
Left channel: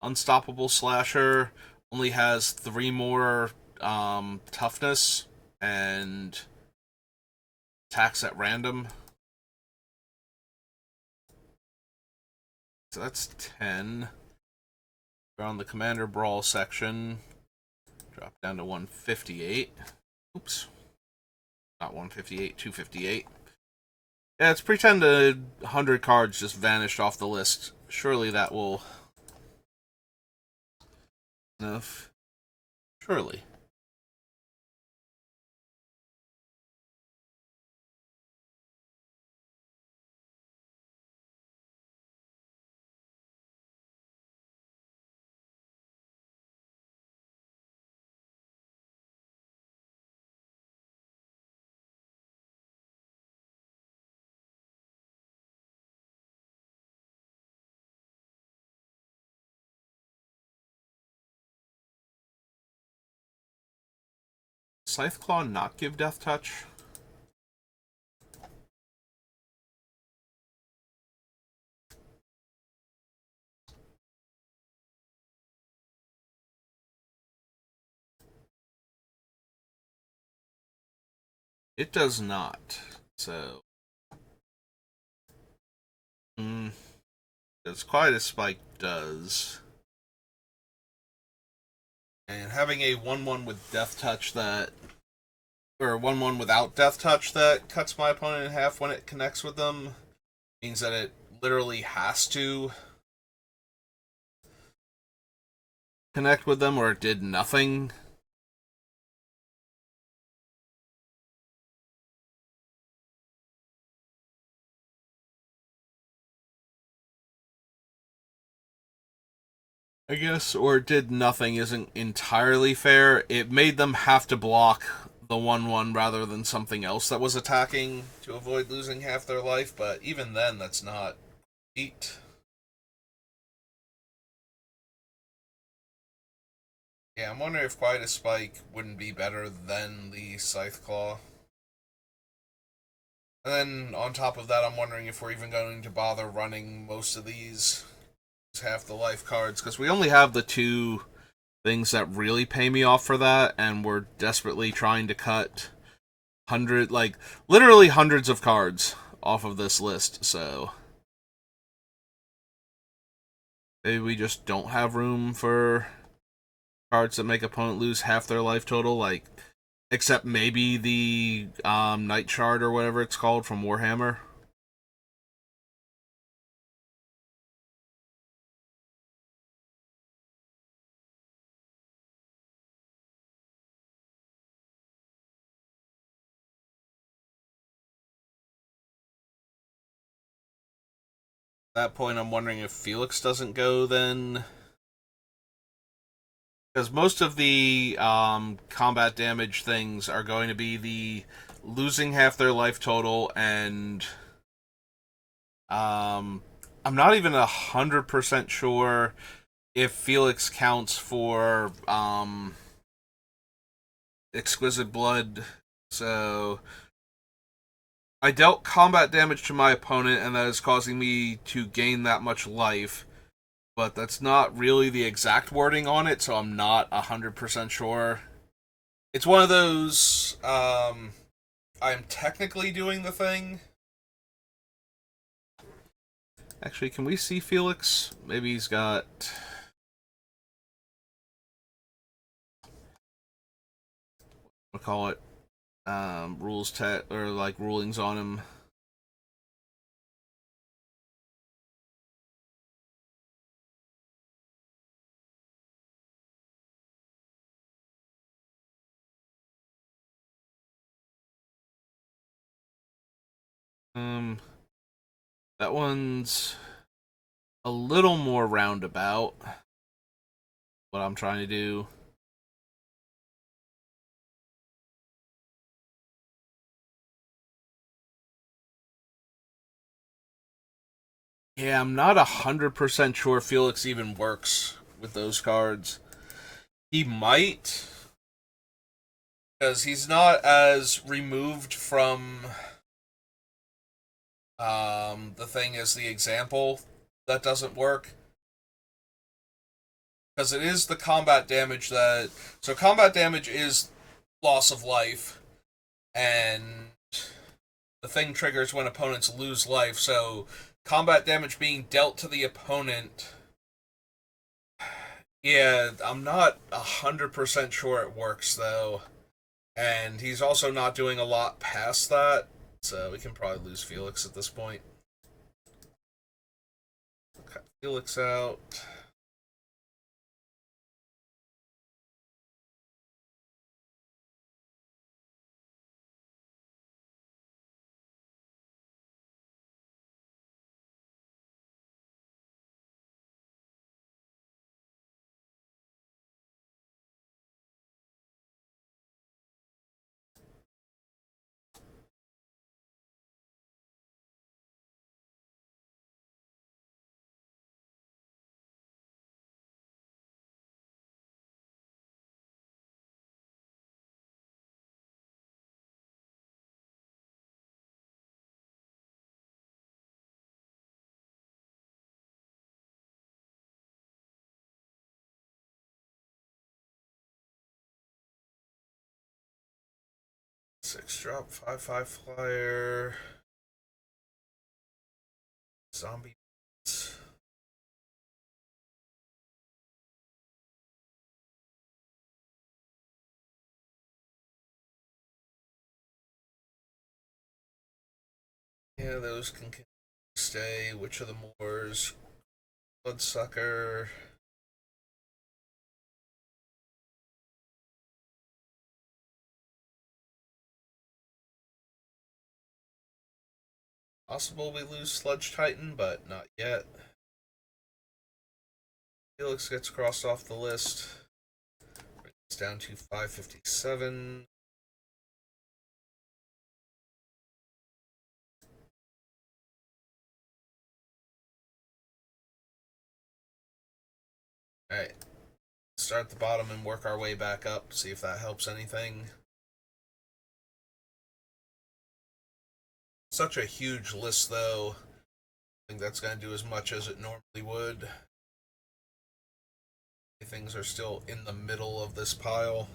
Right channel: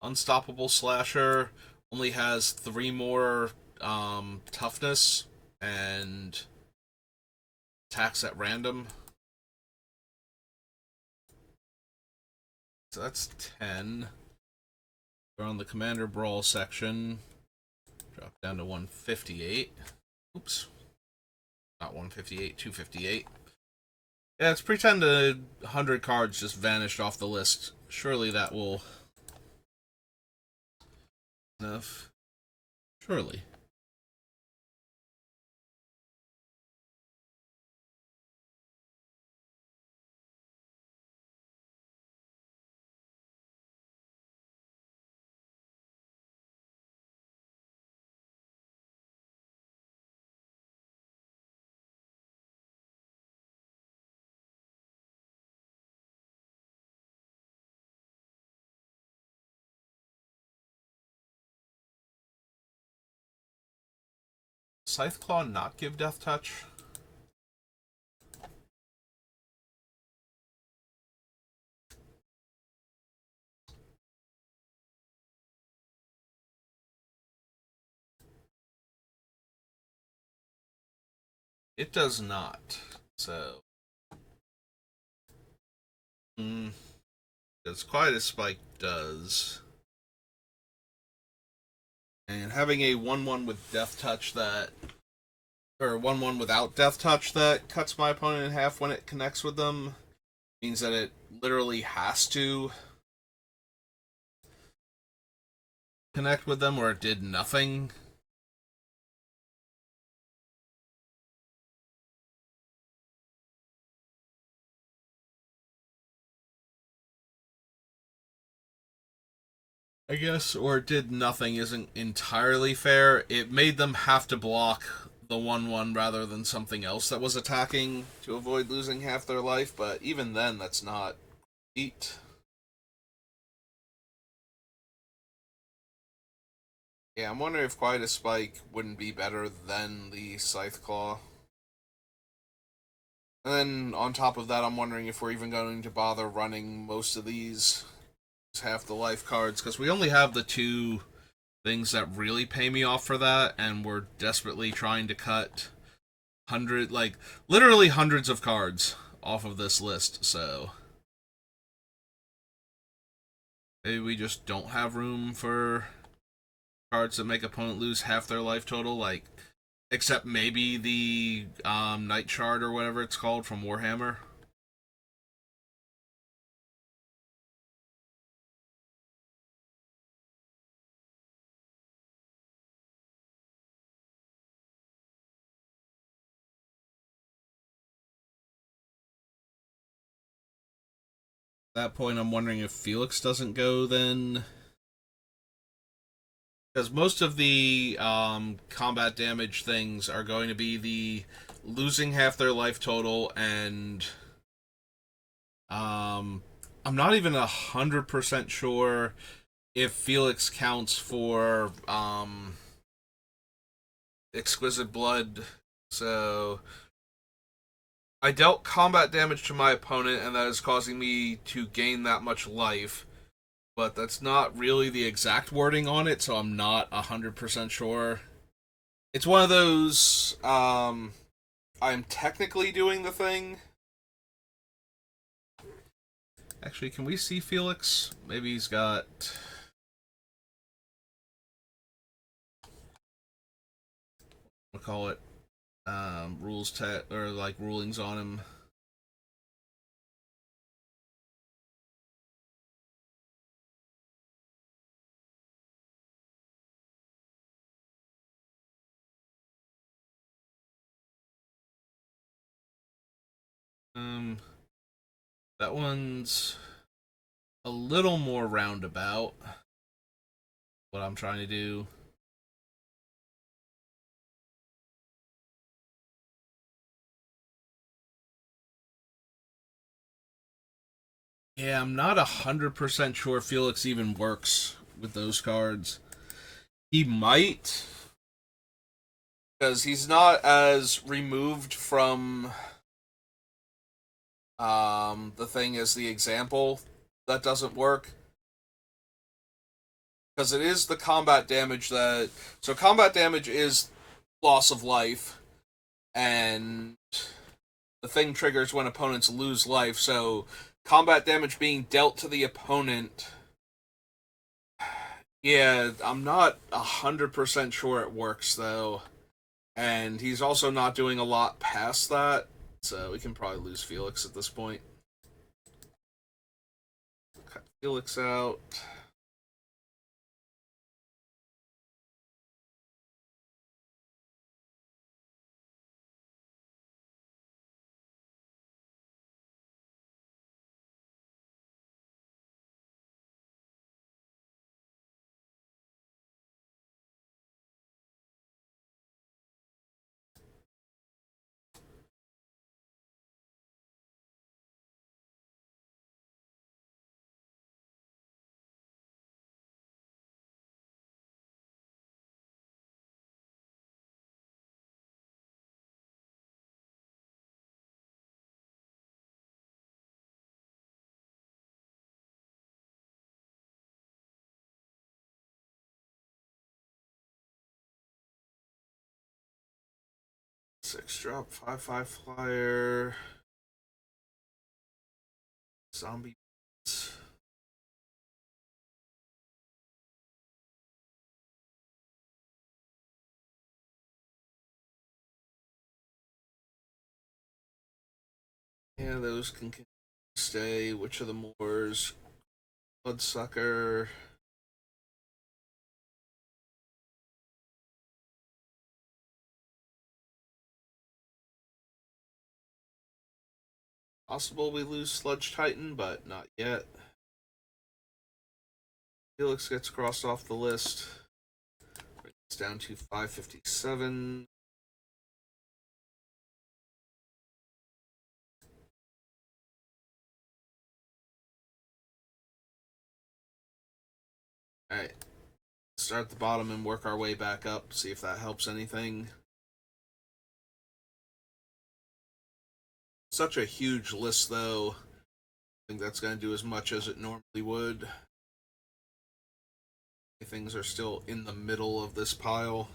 Unstoppable Slasher. Only has 3 more toughness and attacks at random. So that's 10. We're on the Commander Brawl section. Drop down to 158. Oops. Not 158, 258. Yeah, let's pretend 100 cards just vanished off the list. Surely that will... enough. Surely. Scytheclaw not give Death Touch? It does not. So... As Quiet as Spike does. And having a 1-1 with Death Touch that... or 1-1 without Death Touch that cuts my opponent in half when it connects with them means that it literally has to connect with them or it did nothing. I guess, or did nothing isn't entirely fair. It made them have to block the 1-1 rather than something else that was attacking to avoid losing half their life, but even then, that's not great. Yeah, I'm wondering if Quiet as Spike wouldn't be better than the Scytheclaw. And then, on top of that, I'm wondering if we're even going to bother running most of these half the life cards, because we only have the 2 things that really pay me off for that, and we're desperately trying to cut literally hundreds of cards off of this list, so maybe we just don't have room for cards that make opponent lose half their life total, like, except maybe the Night Shard or whatever it's called from Warhammer. that point, I'm wondering if Felix doesn't go then. Because most of the combat damage things are going to be the losing half their life total, and I'm not even 100% sure if Felix counts for exquisite blood. So I dealt combat damage to my opponent, and that is causing me to gain that much life. But that's not really the exact wording on it, so I'm not 100% sure. It's one of those. I'm technically doing the thing. Actually, can we see Felix? Maybe he's got. What call it? Or like rulings on him. Um, that one's a little more roundabout. What I'm trying to do. Yeah, I'm not 100% sure Felix even works with those cards. He might, because he's not as removed from the thing as the example that doesn't work. Because it is the combat damage that. So, combat damage is loss of life, and the thing triggers when opponents lose life. So, combat damage being dealt to the opponent. Yeah, I'm not 100% sure it works, though. And he's also not doing a lot past that, so we can probably lose Felix at this point. Cut Felix out. Six drop, 5/5 flyer. Zombie. Yeah, those can stay. Witch of the Moors. Bloodsucker. Possible we lose Sludge Titan, but not yet. Felix gets crossed off the list. It's down to 557. Alright. Start at the bottom and work our way back up. See if that helps anything. Such a huge list, though. I think that's going to do as much as it normally would. Things are still in the middle of this pile.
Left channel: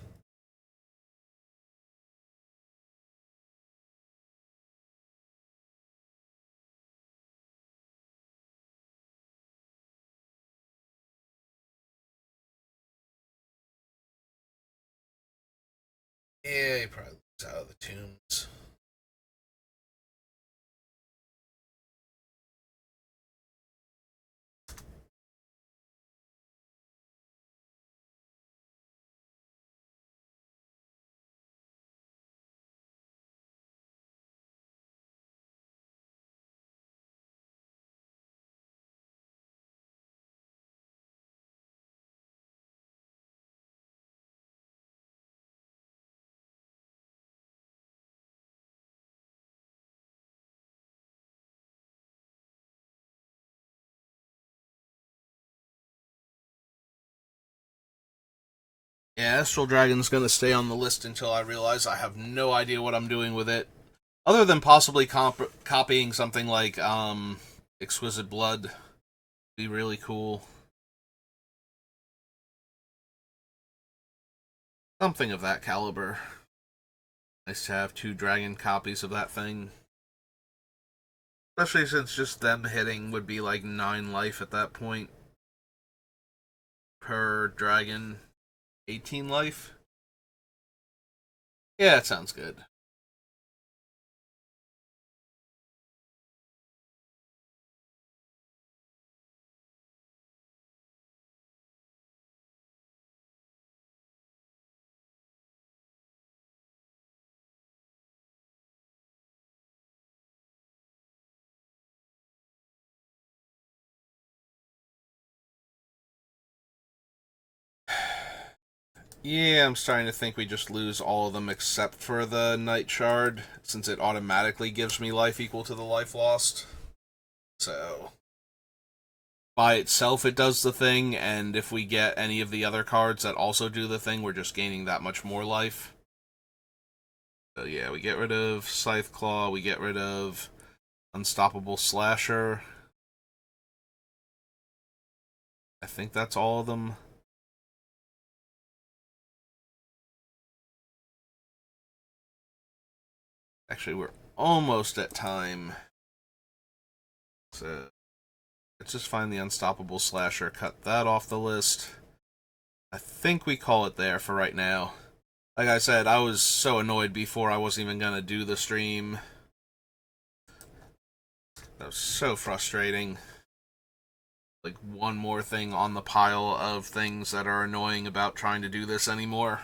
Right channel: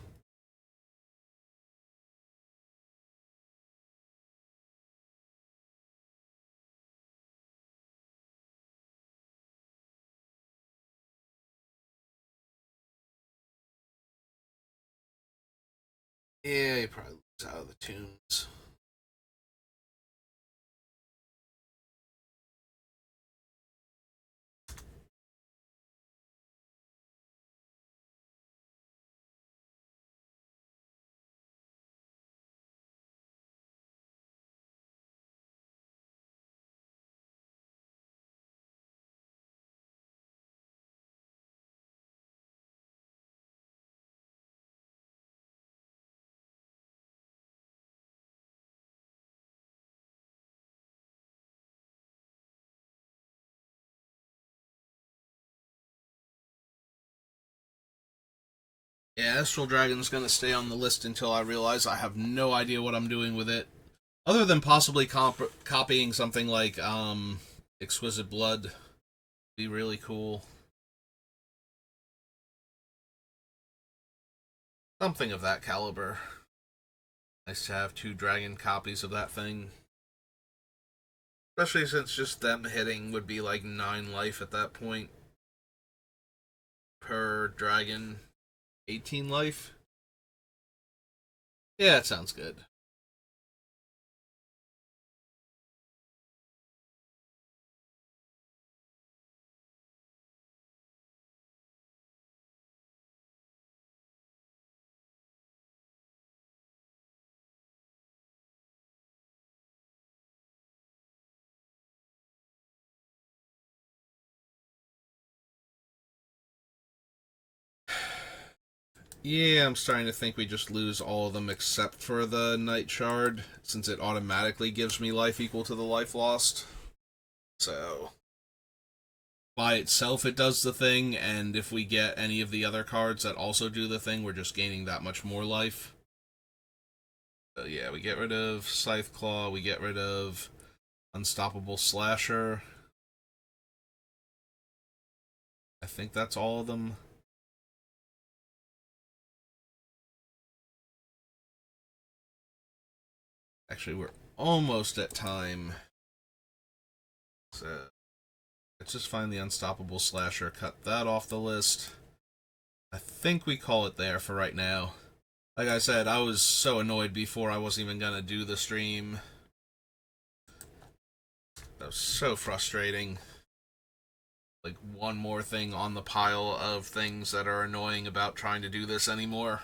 Yeah, he probably loses out of the tombs. Yeah, Astral Dragon's gonna stay on the list until I realize I have no idea what I'm doing with it. Other than possibly copying something like, Exquisite Blood. Be really cool. Something of that caliber. Nice to have 2 dragon copies of that thing. Especially since just them hitting would be like 9 life at that point. Per dragon. 18 life? Yeah, that sounds good. Yeah, I'm starting to think we just lose all of them except for the Night Shard, since it automatically gives me life equal to the life lost. So, by itself, it does the thing, and if we get any of the other cards that also do the thing, we're just gaining that much more life. So, yeah, we get rid of Scythe Claw, we get rid of Unstoppable Slasher. I think that's all of them. Actually, we're almost at time. So, let's just find the Unstoppable Slasher, cut that off the list. I think we call it there for right now. Like I said, I was so annoyed before I wasn't even gonna do the stream. That was so frustrating. Like, one more thing on the pile of things that are annoying about trying to do this anymore.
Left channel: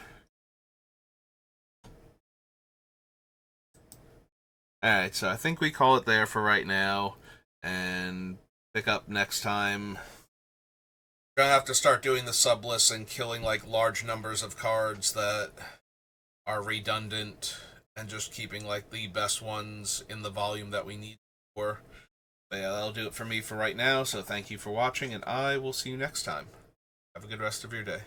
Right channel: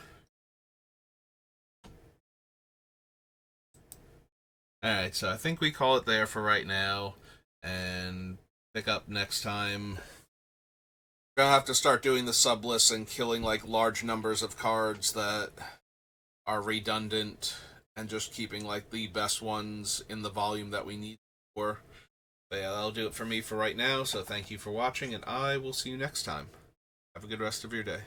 Alright, so I think we call it there for right now, and pick up next time. We're gonna have to start doing the sub lists and killing like large numbers of cards that are redundant, and just keeping like the best ones in the volume that we need for. But yeah, that'll do it for me for right now, so thank you for watching, and I will see you next time. Have a good rest of your day.